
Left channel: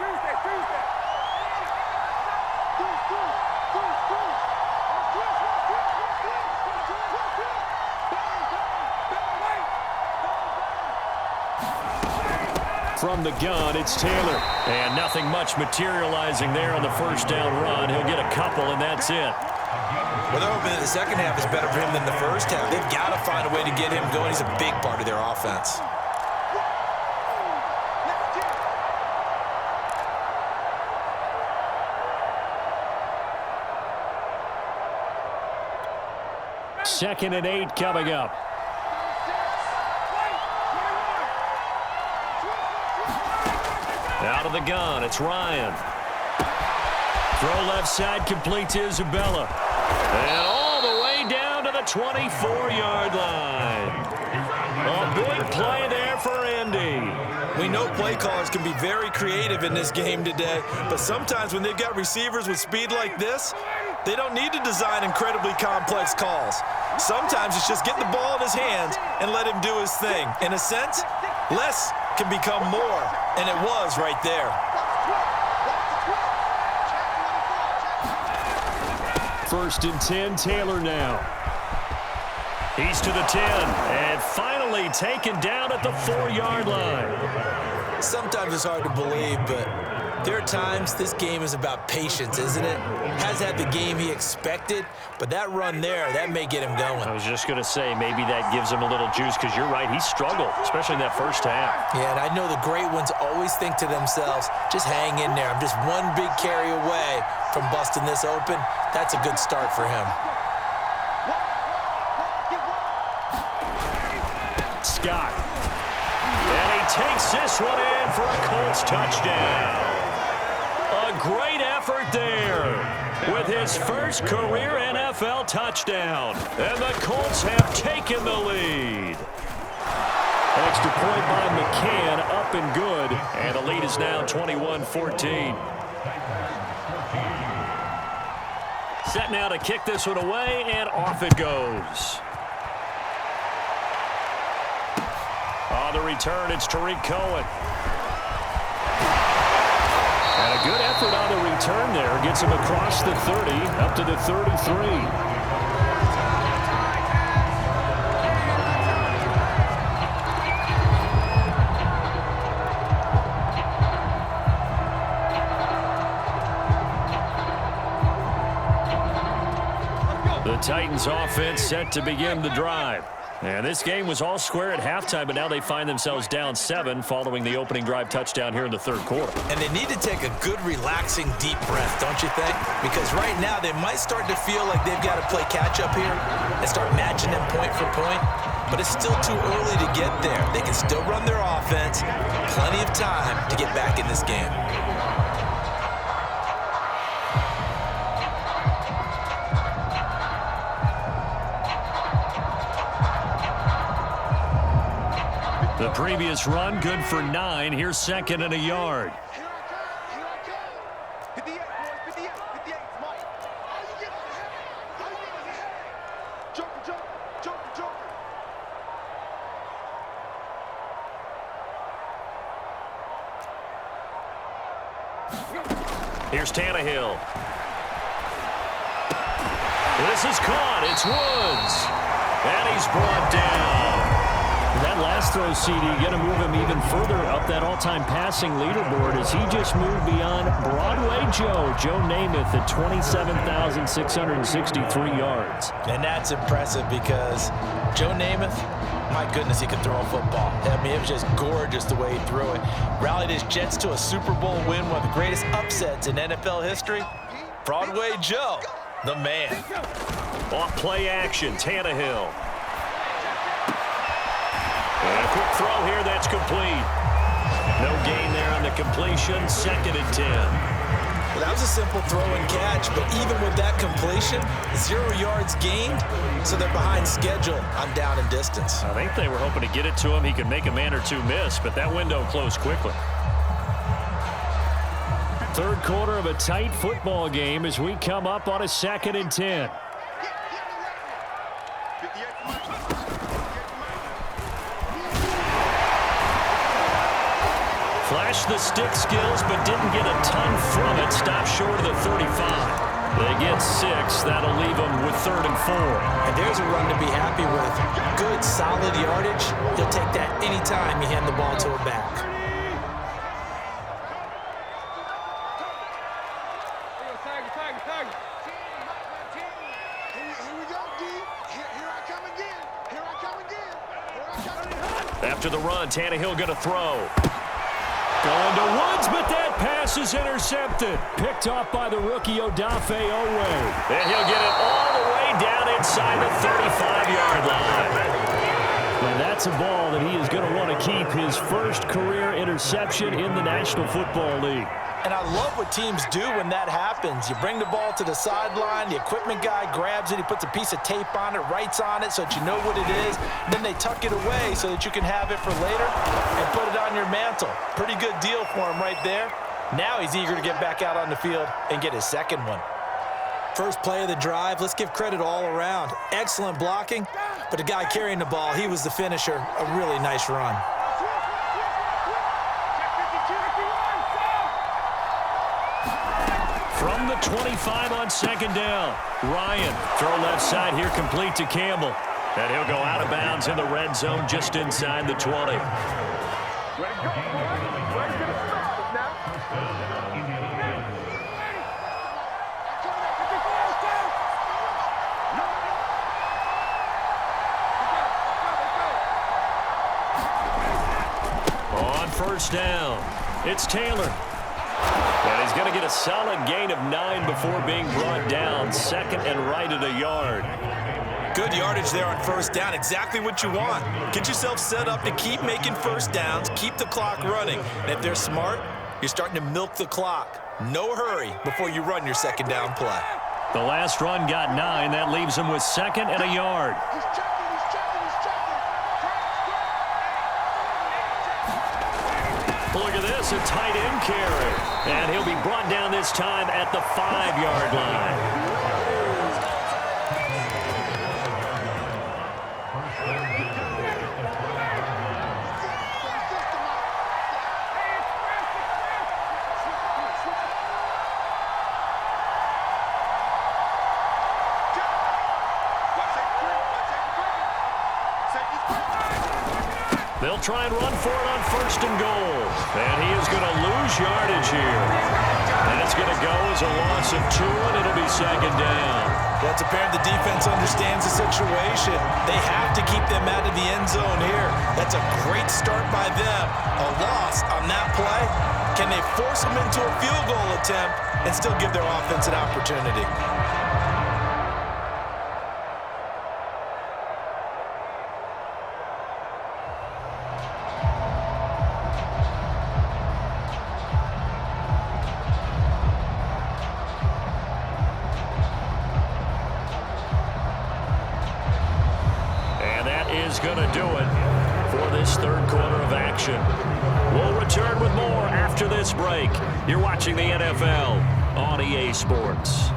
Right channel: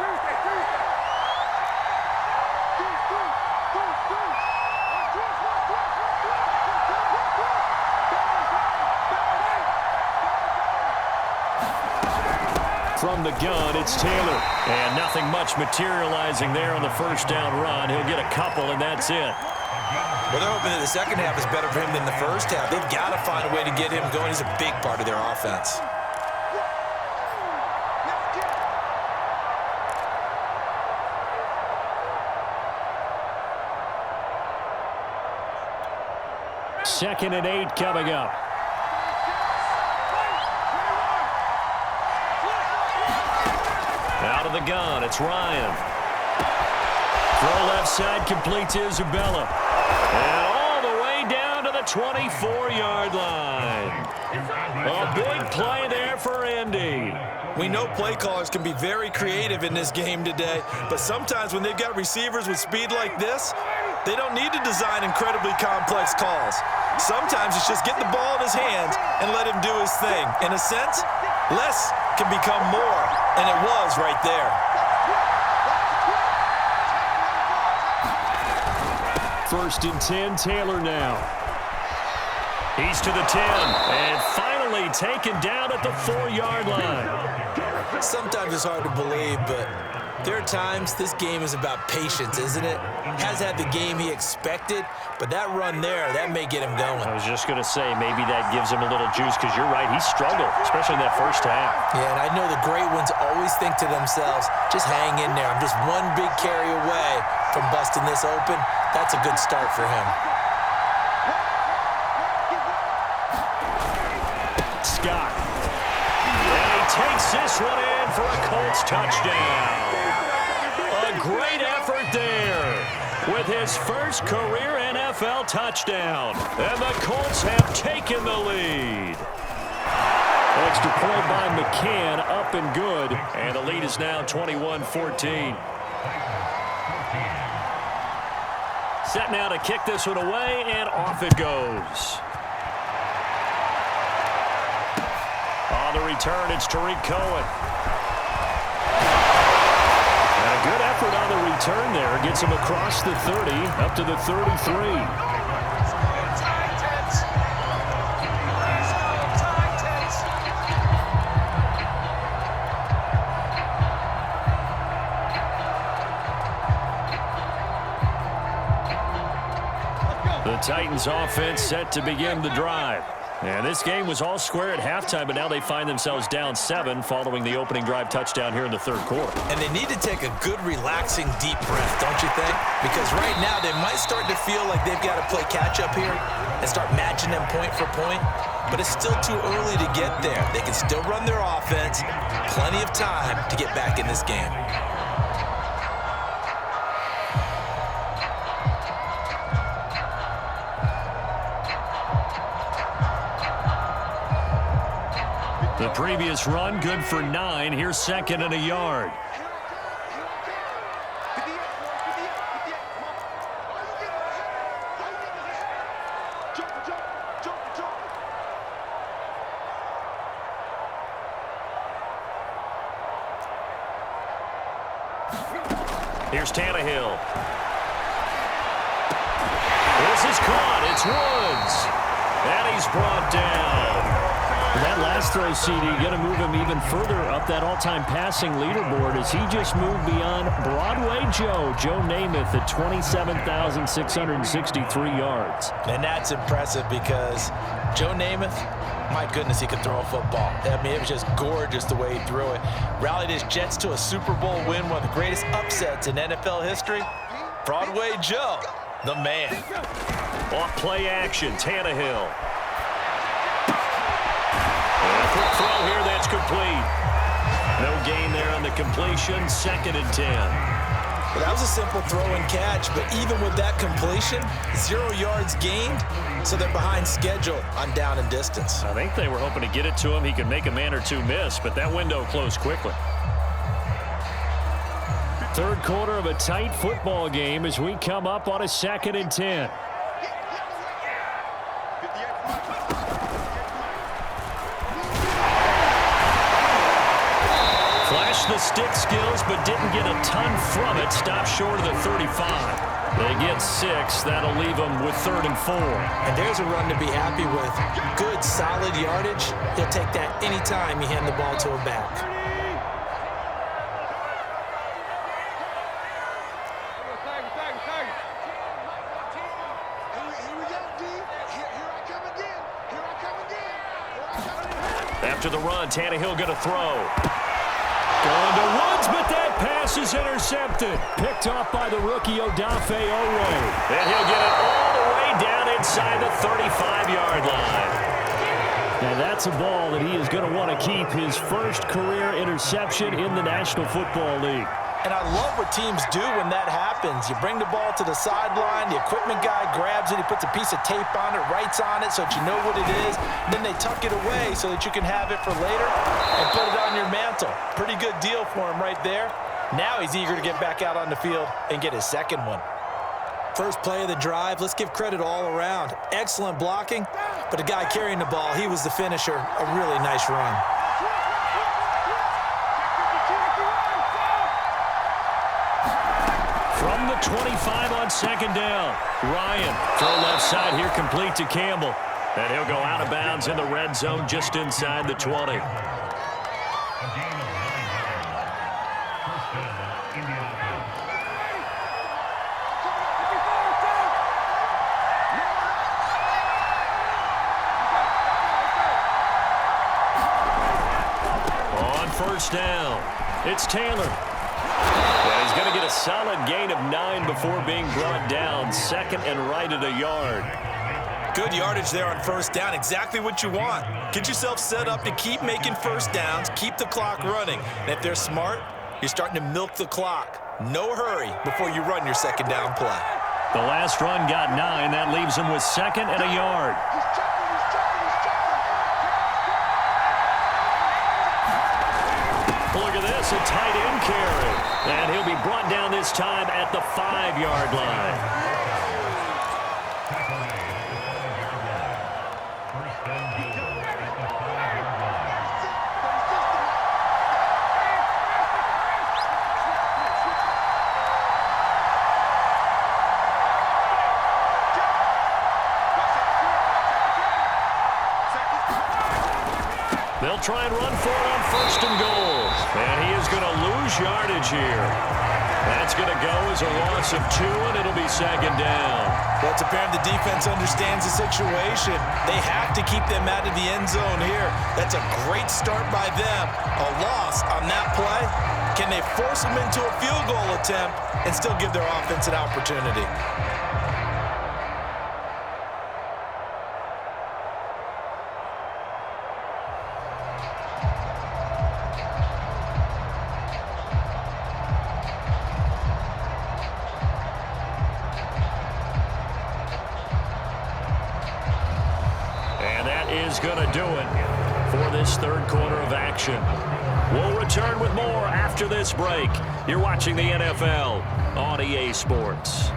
From the gun, it's Taylor. And nothing much materializing there on the 1st down run. He'll get a couple, and that's it. Well, they're hoping that the 2nd half is better for him than the 1st half. They've got to find a way to get him going. He's a big part of their offense. 2nd and 8 coming up. Out of the gun, it's Ryan. Throw left side, complete to Isabella. And all the way down to the 24-yard line. A big play there for Indy. We know play callers can be very creative in this game today, but sometimes when they've got receivers with speed like this, they don't need to design incredibly complex calls. Sometimes it's just get the ball in his hands and let him do his thing. In a sense, less can become more, and it was right there. First and 10, Taylor now. He's to the 10, and finally taken down at the 4-yard line. Sometimes it's hard to believe, but there are times this game is about patience, isn't it? Has had the game he expected, but that run there, that may get him going. I was just going to say, maybe that gives him a little juice, because you're right, he struggled, especially in that first half. Yeah, and I know the great ones always think to themselves, just hang in there. I'm just one big carry away from busting this open. That's a good start for him. Scott. And he takes this one in for a Colts touchdown. A great effort there with his first career NFL touchdown. And the Colts have taken the lead. Extra point by McCann, up and good. And the lead is now 21-14. Set now to kick this one away, and off it goes. On the return, it's Tariq Cohen. And a good effort on the return there. Gets him across the 30, up to the 33. The Titans offense set to begin the drive. And this game was all square at halftime, but now they find themselves down 7 following the opening drive touchdown here in the third quarter. And they need to take a good, relaxing, deep breath, don't you think? Because right now they might start to feel like they've got to play catch-up here and start matching them point for point. But it's still too early to get there. They can still run their offense. Plenty of time to get back in this game. The previous run, good for 9. Here's 2nd and a yard. Here I come. 58, boys, 58, 58. Come on. All you get is a all you get is a joker, joker, joker, joker. Here's Tannehill. This is caught. It's Woods. And he's brought down. That last throw, CD, going to move him even further up that all-time passing leaderboard as he just moved beyond Broadway Joe Namath at 27,663 yards. And that's impressive because Joe Namath, my goodness, he could throw a football. I mean, it was just gorgeous the way he threw it. Rallied his Jets to a Super Bowl win, one of the greatest upsets in NFL history. Broadway Joe, the man. Off play action, Tannehill. And a quick throw here, that's complete. No gain there on the completion, 2nd and 10. Well, that was a simple throw and catch, but even with that completion, 0 yards gained, so they're behind schedule on down and distance. I think they were hoping to get it to him. He could make a man or two miss, but that window closed quickly. Third quarter of a tight football game as we come up on a 2nd and 10. Flashed the stick skills, but didn't get a ton from it. Stopped short of the 35. They get 6. That'll leave them with 3rd and 4. And there's a run to be happy with. Good, solid yardage. He'll take that anytime you hand the ball to a back. Here we go, D. Here I come again. After the run, Tannehill going to throw. Going to Woods, but that pass is intercepted. Picked off by the rookie Odafe Owe. And he'll get it all the way down inside the 35-yard line. And that's a ball that he is going to want to keep, his first career interception in the National Football League. And I love what teams do when that happens. You bring the ball to the sideline, the equipment guy grabs it, he puts a piece of tape on it, writes on it so that you know what it is. Then they tuck it away so that you can have it for later and put it on your mantle. Pretty good deal for him right there. Now he's eager to get back out on the field and get his second one. First play of the drive, let's give credit all around. Excellent blocking, but the guy carrying the ball, he was the finisher. A really nice run. From the 25 on second down, Ryan. Throw left side here, complete to Campbell. And he'll go out of bounds in the red zone just inside the 20. On first down, it's Taylor. And he's going to get a solid gain of 9 before being brought down. Second and right at a yard. Good yardage there on first down. Exactly what you want. Get yourself set up to keep making first downs, keep the clock running. And if they're smart, you're starting to milk the clock. No hurry before you run your second down play. The last run got 9. That leaves him with second and a yard. Look at this, a tight end carry. And he'll be brought down this time at the 5-yard line. They'll try and run for it on first and goal. And he is going to lose yardage here. That's going to go as a loss of 2, and it'll be second down. Well, it's apparent the defense understands the situation. They have to keep them out of the end zone here. That's a great start by them. A loss on that play. Can they force them into a field goal attempt and still give their offense an opportunity? Is going to do it for this third quarter of action. We'll return with more after this break. You're watching the NFL on EA Sports.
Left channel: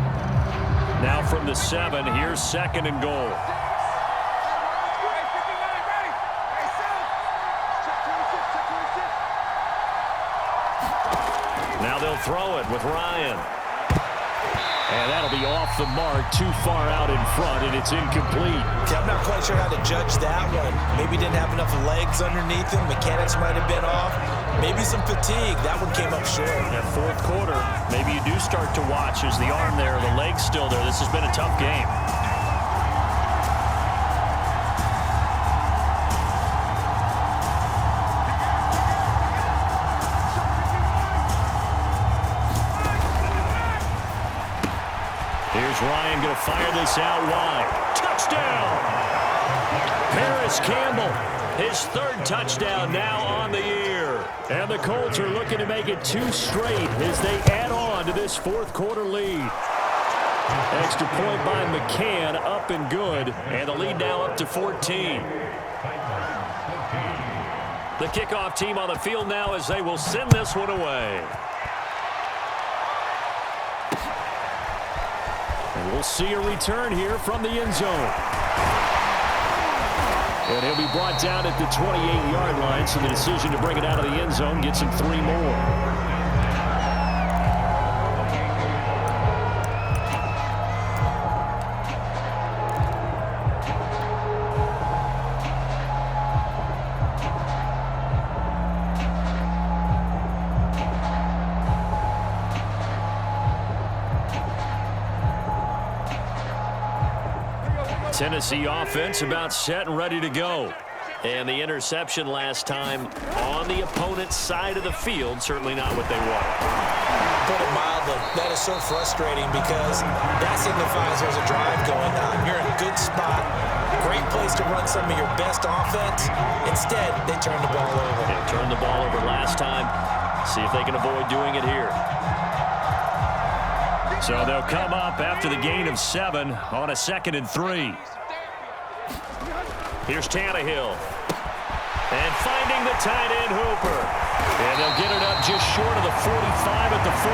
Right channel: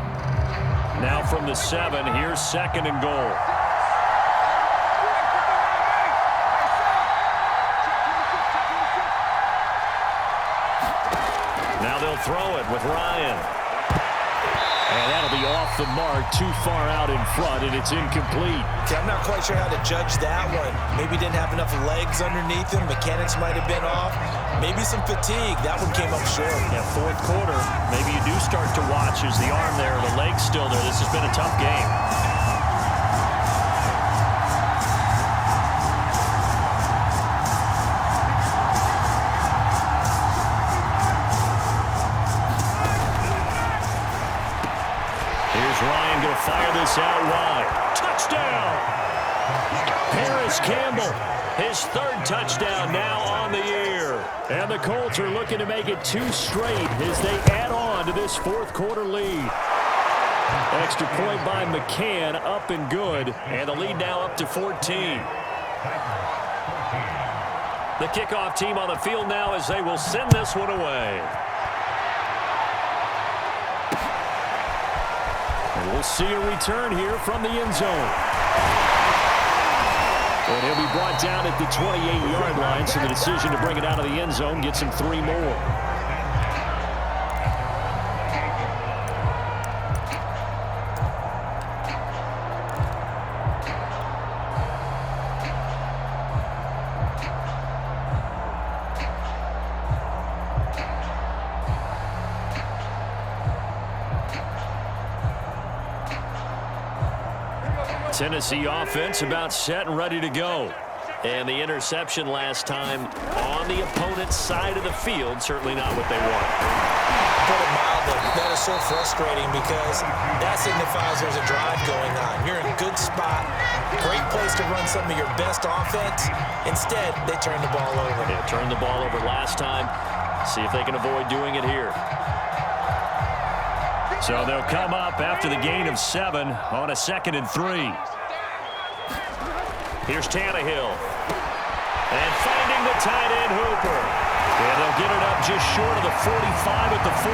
Now from the 7, here's second and goal. Now they'll throw it with Ryan. And that'll be off the mark, too far out in front, and it's incomplete. Okay, I'm not quite sure how to judge that one. Maybe didn't have enough legs underneath him. Mechanics might have been off. Maybe some fatigue. That one came up short. Yeah, fourth quarter, maybe you do start to watch. Is the arm there, the leg's still there? This has been a tough game. Ryan going to fire this out wide. Touchdown! Paris Campbell, his third touchdown now on the year. And the Colts are looking to make it 2 straight as they add on to this fourth quarter lead. Extra point by McCann, up and good. And the lead now up to 14. The kickoff team on the field now as they will send this one away. And we'll see a return here from the end zone. And he'll be brought down at the 28-yard line, so the decision to bring it out of the end zone gets him 3 more. Tennessee offense about set and ready to go. And the interception last time on the opponent's side of the field, certainly not what they wanted. Put it mildly, that is so frustrating because that signifies there's a drive going on. You're in a good spot, great place to run some of your best offense. Instead, they turn the ball over. Yeah, turned the ball over last time. See if they can avoid doing it here. So they'll come up after the gain of 7 on a 2nd and 3. Here's Tannehill. And finding the tight end Hooper. And they'll get it up just short of the 45 at the 44.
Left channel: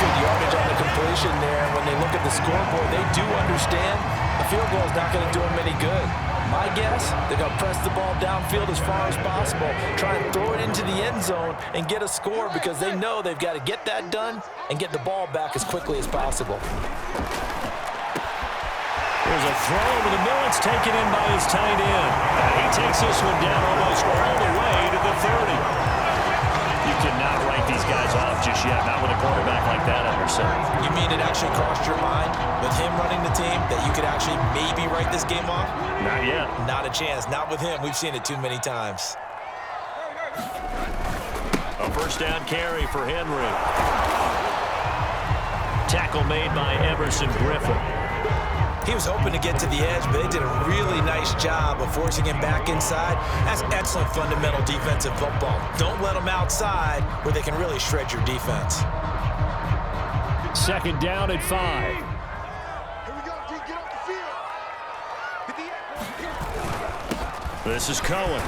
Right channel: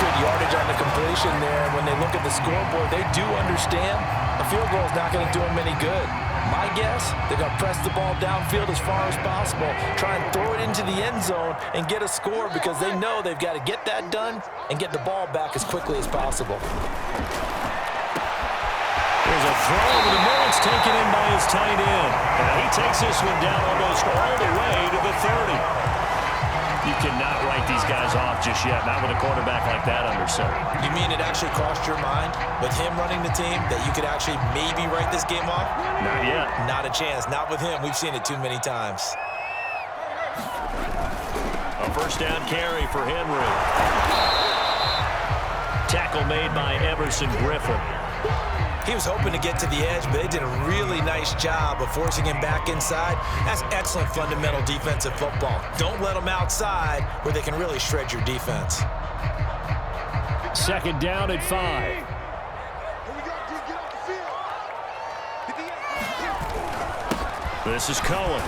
Good yardage on the completion there. When they look at the scoreboard, they do understand a field goal is not going to do them any good. My guess, they're going to press the ball downfield as far as possible, try and throw it into the end zone and get a score because they know they've got to get that done and get the ball back as quickly as possible. Here's a throw over the middle. It's taken in by his tight end. And he takes this one down almost all the way to the 30. You cannot write these guys off just yet, not with a quarterback like that under center. You mean it actually crossed your mind with him running the team that you could actually maybe write this game off? Not yet. Not a chance. Not with him. We've seen it too many times. A first down carry for Henry. Tackle made by Everson Griffin. He was hoping to get to the edge, but they did a really nice job of forcing him back inside. That's excellent fundamental defensive football. Don't let them outside where they can really shred your defense. 2nd down at 5. Here we go, D, get off the field. Hit the This is Cohen.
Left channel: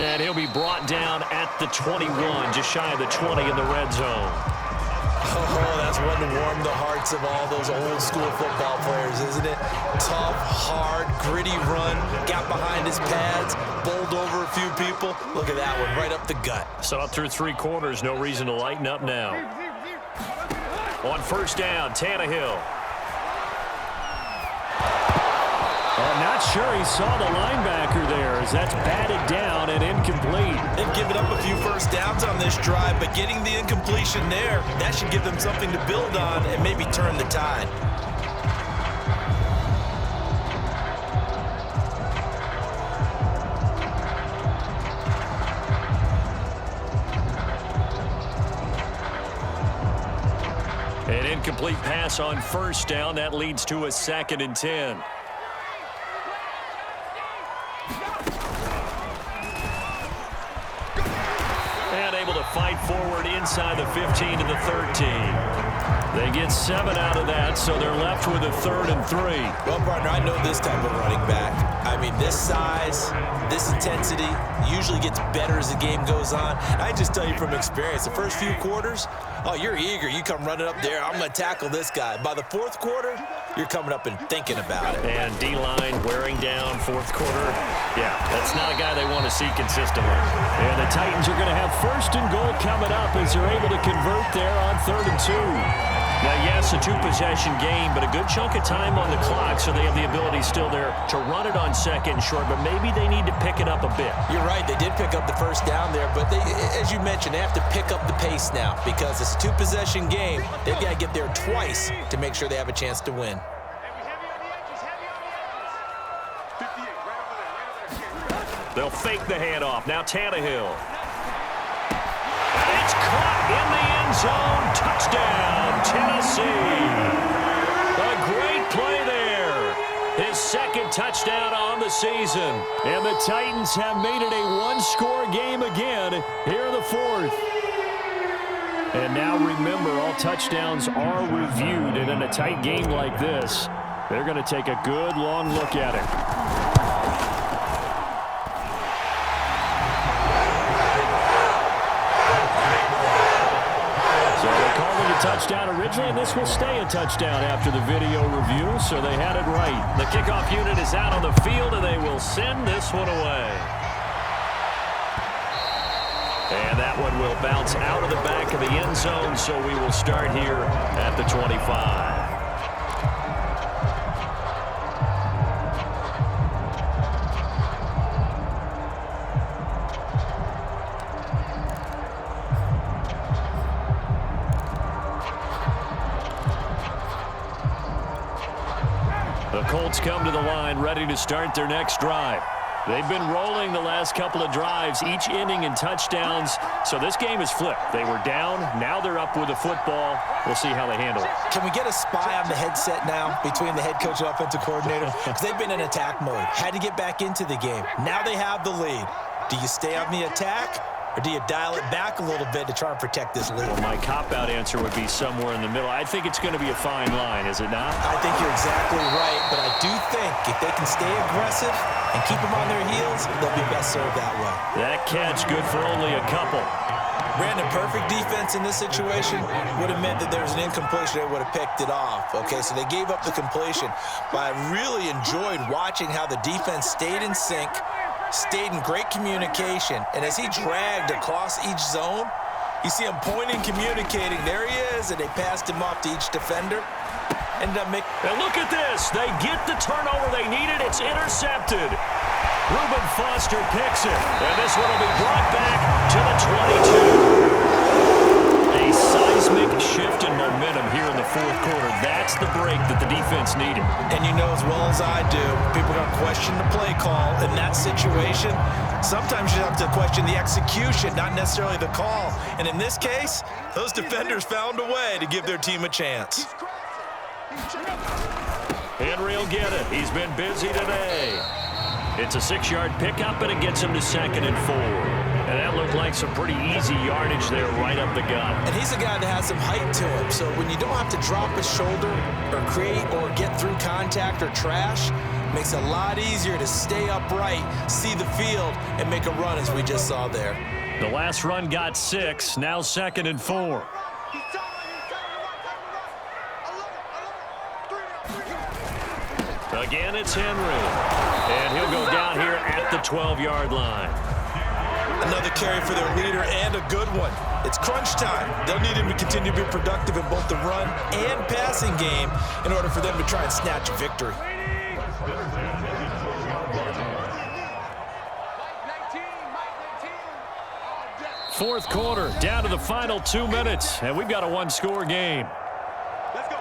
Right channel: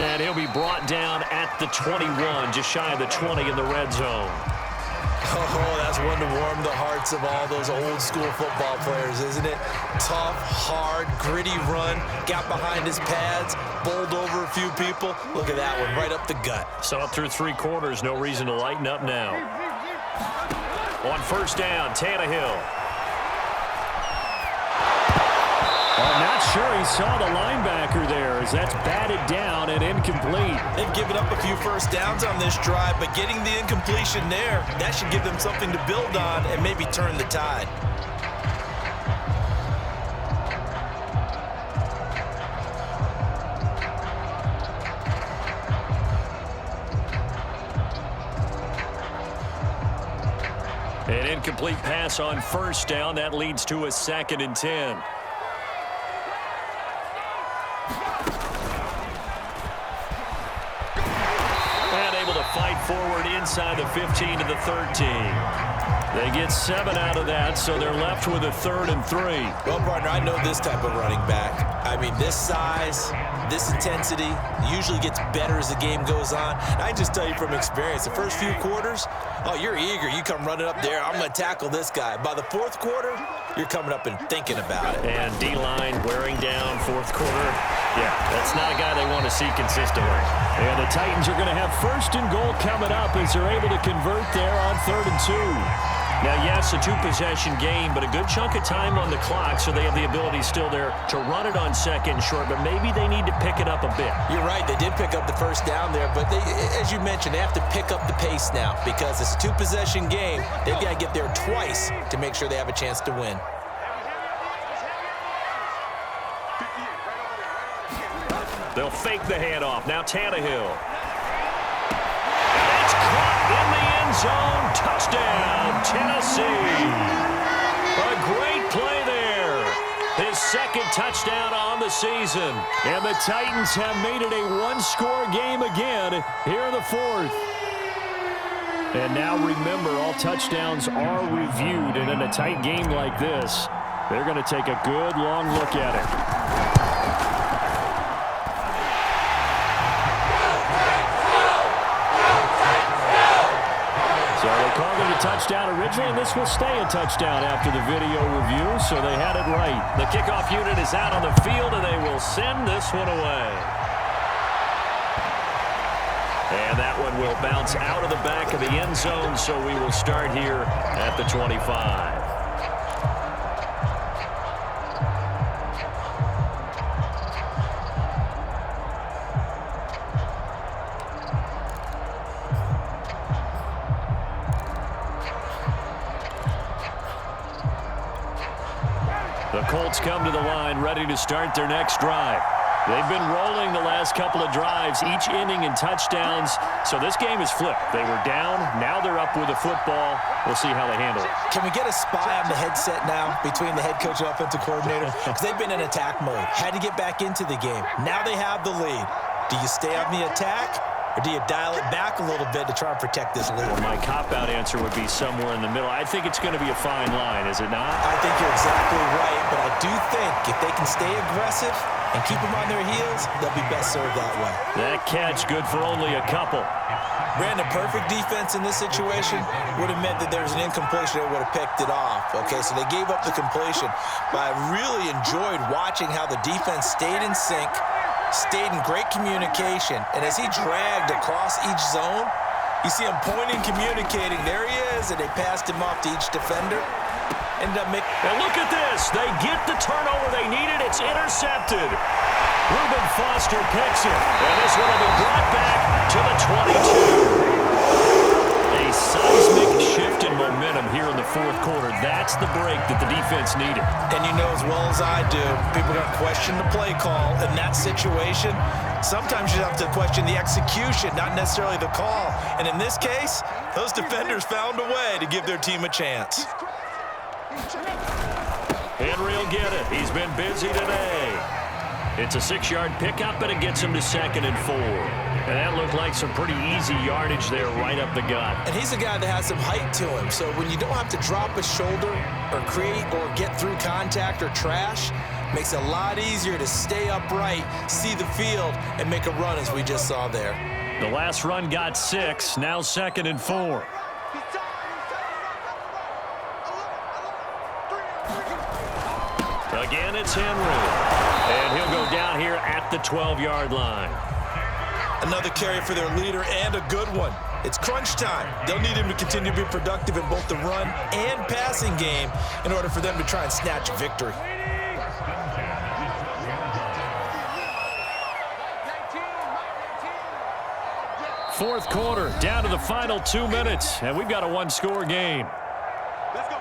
And he'll be brought down at the 21, just shy of the 20 in the red zone. Oh, that's one to warm the hearts of all those old school football players, isn't it? Tough, hard, gritty run, got behind his pads, bowled over a few people. Look at that one, right up the gut. So up through 3 quarters, no reason to lighten up now. On first down, Tannehill. I'm not sure he saw the linebacker there as that's batted down and incomplete. They've given up a few first downs on this drive, but getting the incompletion there, that should give them something to build on and maybe turn the tide. An incomplete pass on first down. That leads to a 2nd and 10. And able to fight forward inside the 15 to the 13. They get 7 out of that, so they're left with a 3rd and 3. Well, partner, I know this type of running back. I mean, this size, this intensity usually gets better as the game goes on. I just tell you from experience, the first few quarters, oh, you're eager. You come running up there. I'm going to tackle this guy. By the 4th quarter, you're coming up and thinking about it. And D-line wearing down 4th quarter. Yeah, that's not a guy they want to see consistently. And the Titans are going to have 1st and goal coming up as they're able to convert there on 3rd and 2. Now, yes, a 2-possession game, but a good chunk of time on the clock, so they have the ability still there to run it on 2nd and short, but maybe they need to pick it up a bit. You're right. They did pick up the first down there, but they, as you mentioned, they have to pick up the pace now because it's a 2-possession game. They've got to get there twice to make sure they have a chance to win. They'll fake the handoff. Now Tannehill. And it's caught in the end zone. Touchdown, Tennessee. A great play there. His 2nd touchdown on the season. And the Titans have made it a 1-score game again here in the 4th. And now remember, all touchdowns are reviewed. And in a tight game like this, they're going to take a good long look at it. So they called it a touchdown originally, and this will stay a touchdown after the video review, so they had it right. The kickoff unit is out on the field, and they will send this one away. And that one will bounce out of the back of the end zone, so we will start here at the 25. The Colts come to the line ready to start their next drive. They've been rolling the last couple of drives, each inning in touchdowns. So this game is flipped. They were down. Now they're up with the football. We'll see how they handle it. Can we get a spy on the headset now between the head coach and offensive coordinator? Because they've been in attack mode. Had to get back into the game. Now they have the lead. Do you stay on the attack, or do you dial it back a little bit to try and protect this lead? Well, my cop-out answer would be somewhere in the middle. I think it's going to be a fine line, is it not? I think you're exactly right, but I do think if they can stay aggressive and keep them on their heels, they'll be best served that way. That catch good for only a couple. Brandon, perfect defense in this situation would have meant that there was an incompletion. They would have picked it off. Okay, so they gave up the completion. But I really enjoyed watching how the defense stayed in sync, stayed in great communication, and as he dragged across each zone, you see him pointing, communicating. There he is, and they passed him off to each defender. Ended up making... And look at this. They get the turnover they needed. It's intercepted. Reuben Foster picks it. And this one will be brought back to the 22. A seismic shift in momentum here in the fourth quarter. That's the break that the defense needed. And you know as well as I do, people are going to question the play call in that situation. Sometimes you have to question the execution, not necessarily the call. And in this case, those defenders found a way to give their team a chance. Henry will get it. He's been busy today. It's a 6-yard pickup, and it gets him to 2nd and 4. And that looked like some pretty easy yardage there right up the gut. And he's a guy that has some height to him. So when you don't have to drop a shoulder or create or get through contact or trash, makes it a lot easier to stay upright, see the field, and make a run as we just saw there. The last run got 6, now 2nd and 4. Again, it's Henry. And he'll go down here at the 12-yard line. Another carry for their leader, and a good one. It's crunch time. They'll need him to continue to be productive in both the run and passing game in order for them to try and snatch a victory. Fourth quarter, down to the final 2 minutes, and we've got a one-score game. Let's go.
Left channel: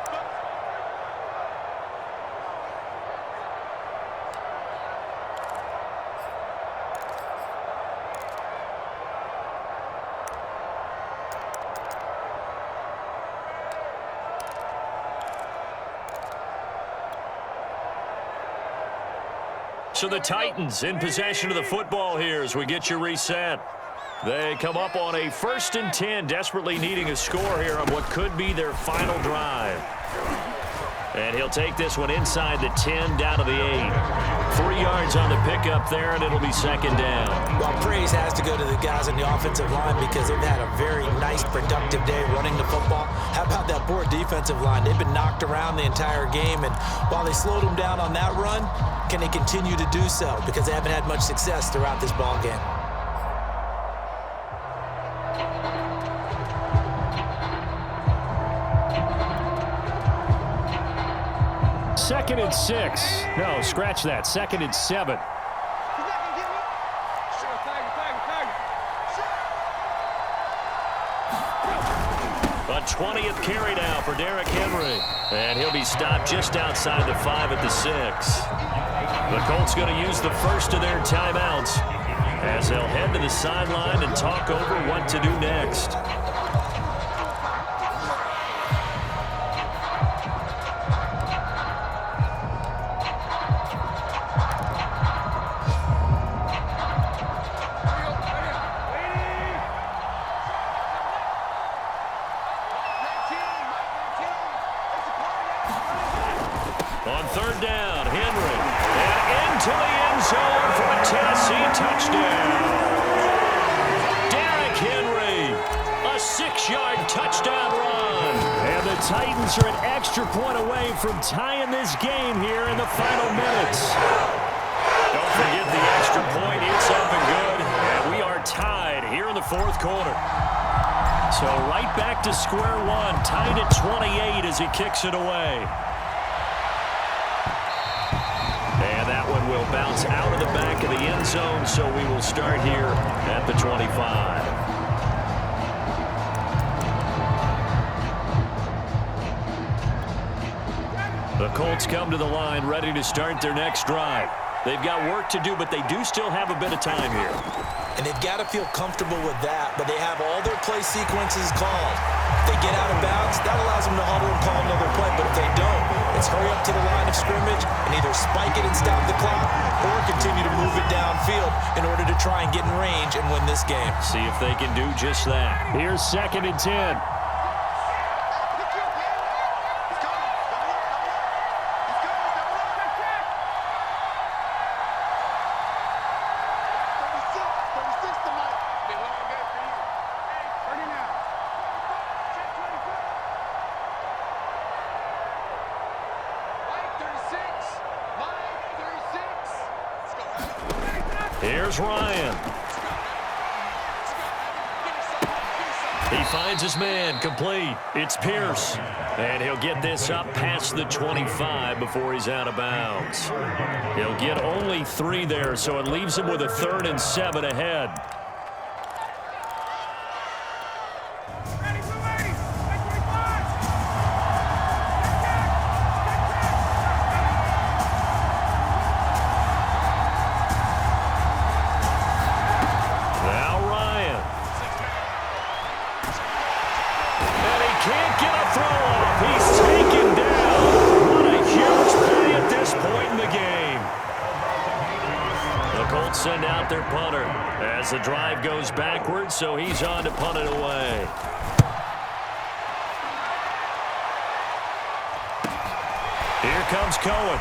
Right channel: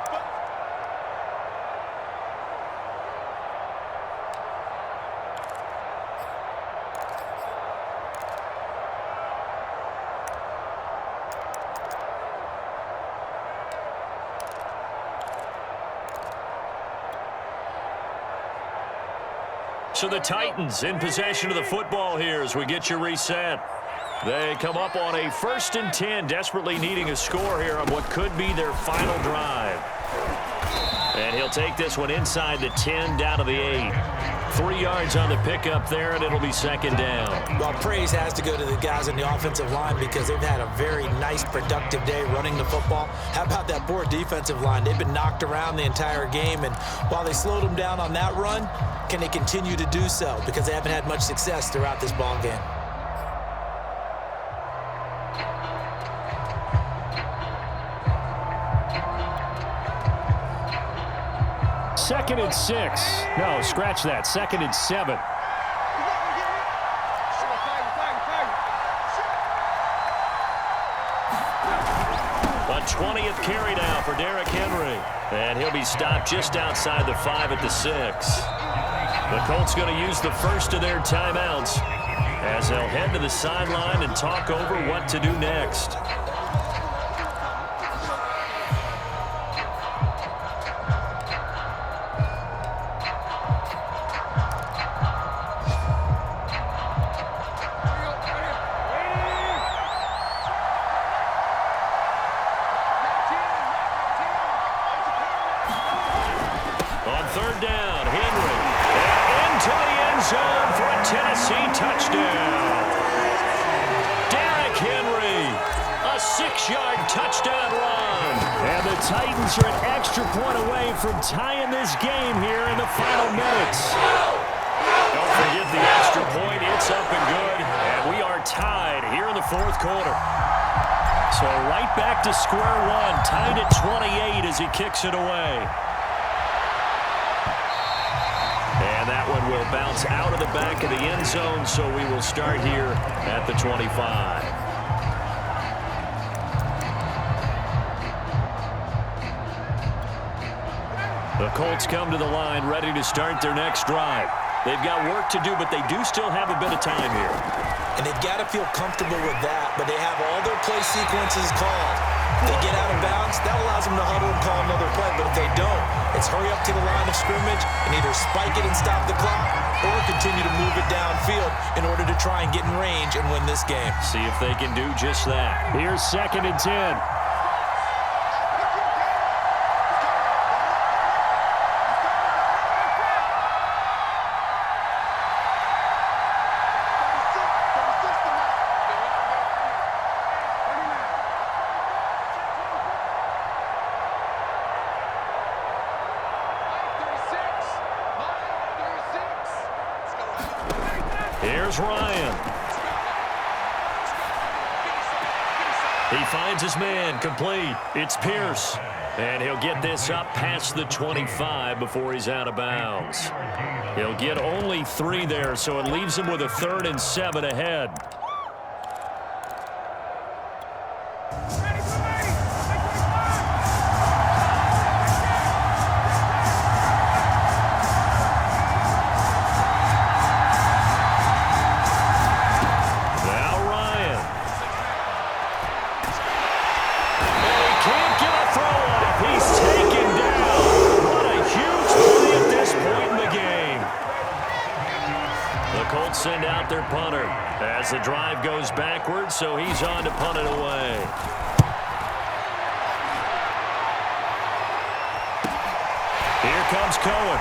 So the Titans in possession of the football here as we get you reset. They come up on a 1st and 10, desperately needing a score here on what could be their final drive. And he'll take this one inside the 10, down to the 8. 3 yards on the pickup there, and it'll be 2nd down. Well, praise has to go to the guys on the offensive line because they've had a very nice, productive day running the football. How about that poor defensive line? They've been knocked around the entire game, and while they slowed them down on that run, can they continue to do so? Because they haven't had much success throughout this ball game. Second and 6. No, scratch that. 2nd and 7. A 20th carry now for Derrick Henry. And he'll be stopped just outside the 5 at the 6. The Colts going to use the first of their timeouts as they'll head to the sideline and talk over what to do next. On 3rd down, Henry. And into the end zone for a Tennessee touchdown. Derrick Henry, a 6-yard touchdown run. And the Titans are an extra point away from tying this game here in the final minutes. Don't forget the extra point. It's up and good. And we are tied here in the fourth quarter. So right back to square one, tied at 28 as he kicks it away. And that one will bounce out of the back of the end zone, so we will start here at the 25. The The Colts come to the line ready to start their next drive. They've got work to do, but they do still have a bit of time here. And they've got to feel comfortable with that, but they have all their play sequences called. If they get out of bounds, that allows them to huddle and call another play, but if they don't, it's hurry up to the line of scrimmage and either spike it and stop the clock or continue to move it downfield in order to try and get in range and win this game. See if they can do just that. Here's 2nd and 10. Here's Ryan. He finds his man, complete. It's Pierce. And he'll get this up past the 25 before he's out of bounds. He'll get only 3 there, so it leaves him with a 3rd and 7 ahead. Can't get a throw off. He's taken down. What a huge play at this point in the game. The Colts send out their punter as the drive goes backwards, so he's on to punt it away. Here comes Cohen.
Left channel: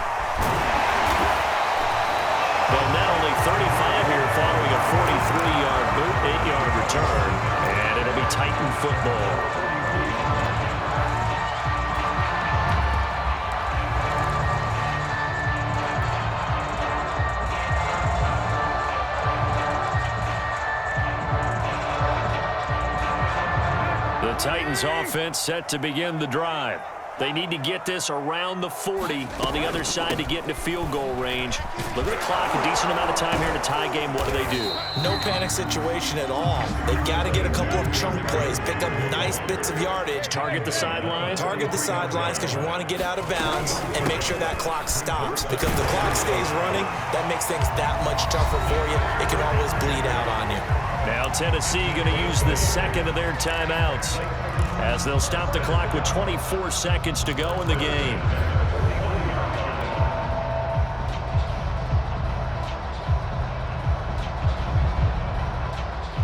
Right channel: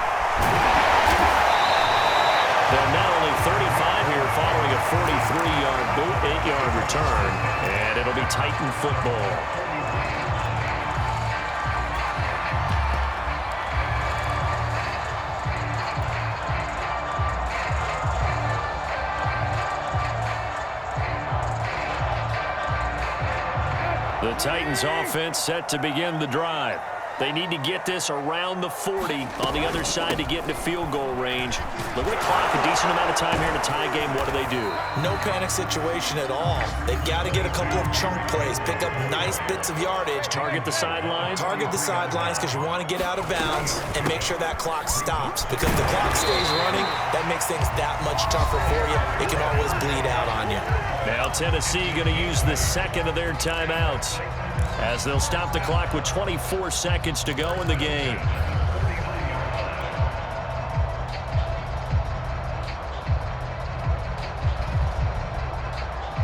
And not only 35 here following a 43-yard boot, 8-yard return, and it'll be Titan football. The Titans offense set to begin the drive. They need to get this around the 40 on the other side to get into field goal range. Look at the clock, a decent amount of time here in a tie game. What do? No panic situation at all. They've got to get a couple of chunk plays, pick up nice bits of yardage. Target the sidelines? Target the sidelines because you want to get out of bounds and make sure that clock stops. Because if the clock stays running, that makes things that much tougher for you. It can always bleed out on you. Now Tennessee going to use the second of their timeouts, as they'll stop the clock with 24 seconds to go in the game.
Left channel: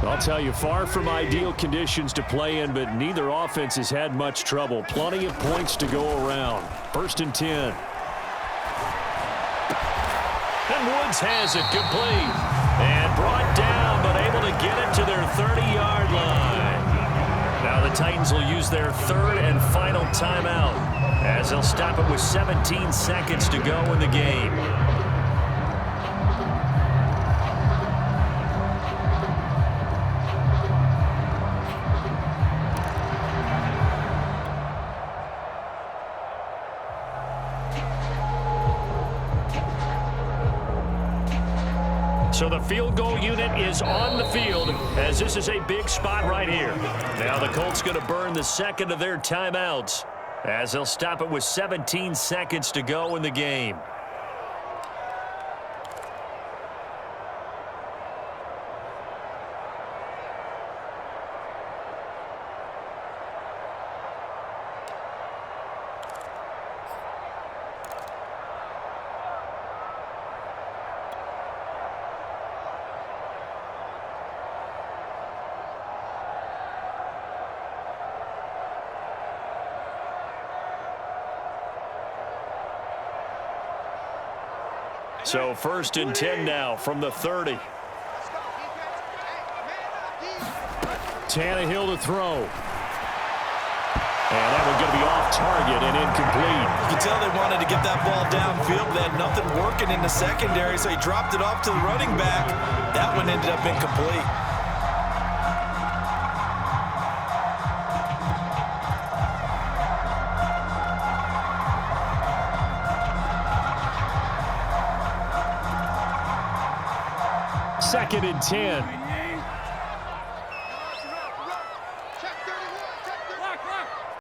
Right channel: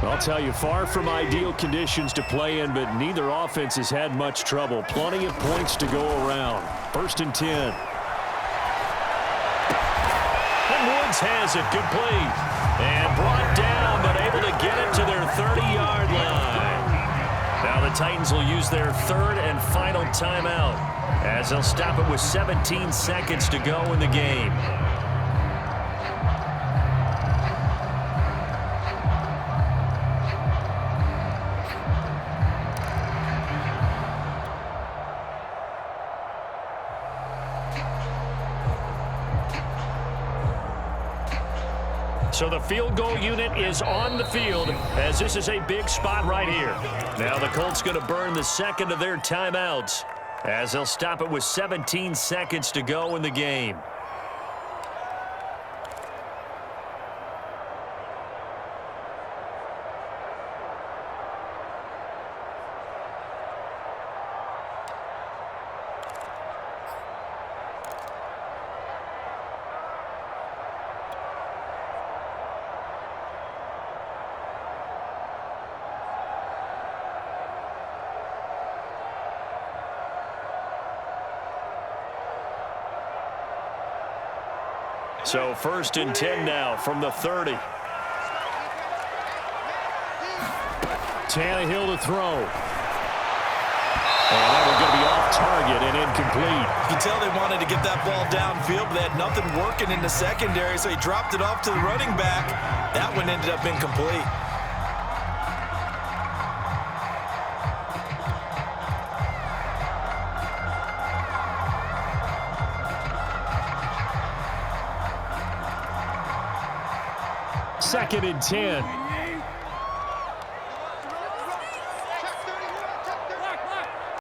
I'll tell you, far from ideal conditions to play in, but neither offense has had much trouble. Plenty of points to go around. 1st and 10. And Woods has it complete. And brought down, but able to get it to their 30-yard line. Now the Titans will use their 3rd and final timeout, as they'll stop it with 17 seconds to go in the game. So the field goal unit is on the field, as this is a big spot right here. Now the Colts going to burn the second of their timeouts, as they'll stop it with 17 seconds to go in the game. So 1st and 10 now from the 30. Tannehill to throw. And that one's going to be off target and incomplete. You can tell they wanted to get that ball downfield, but they had nothing working in the secondary, so he dropped it off to the running back. That one ended up incomplete. Second and 10.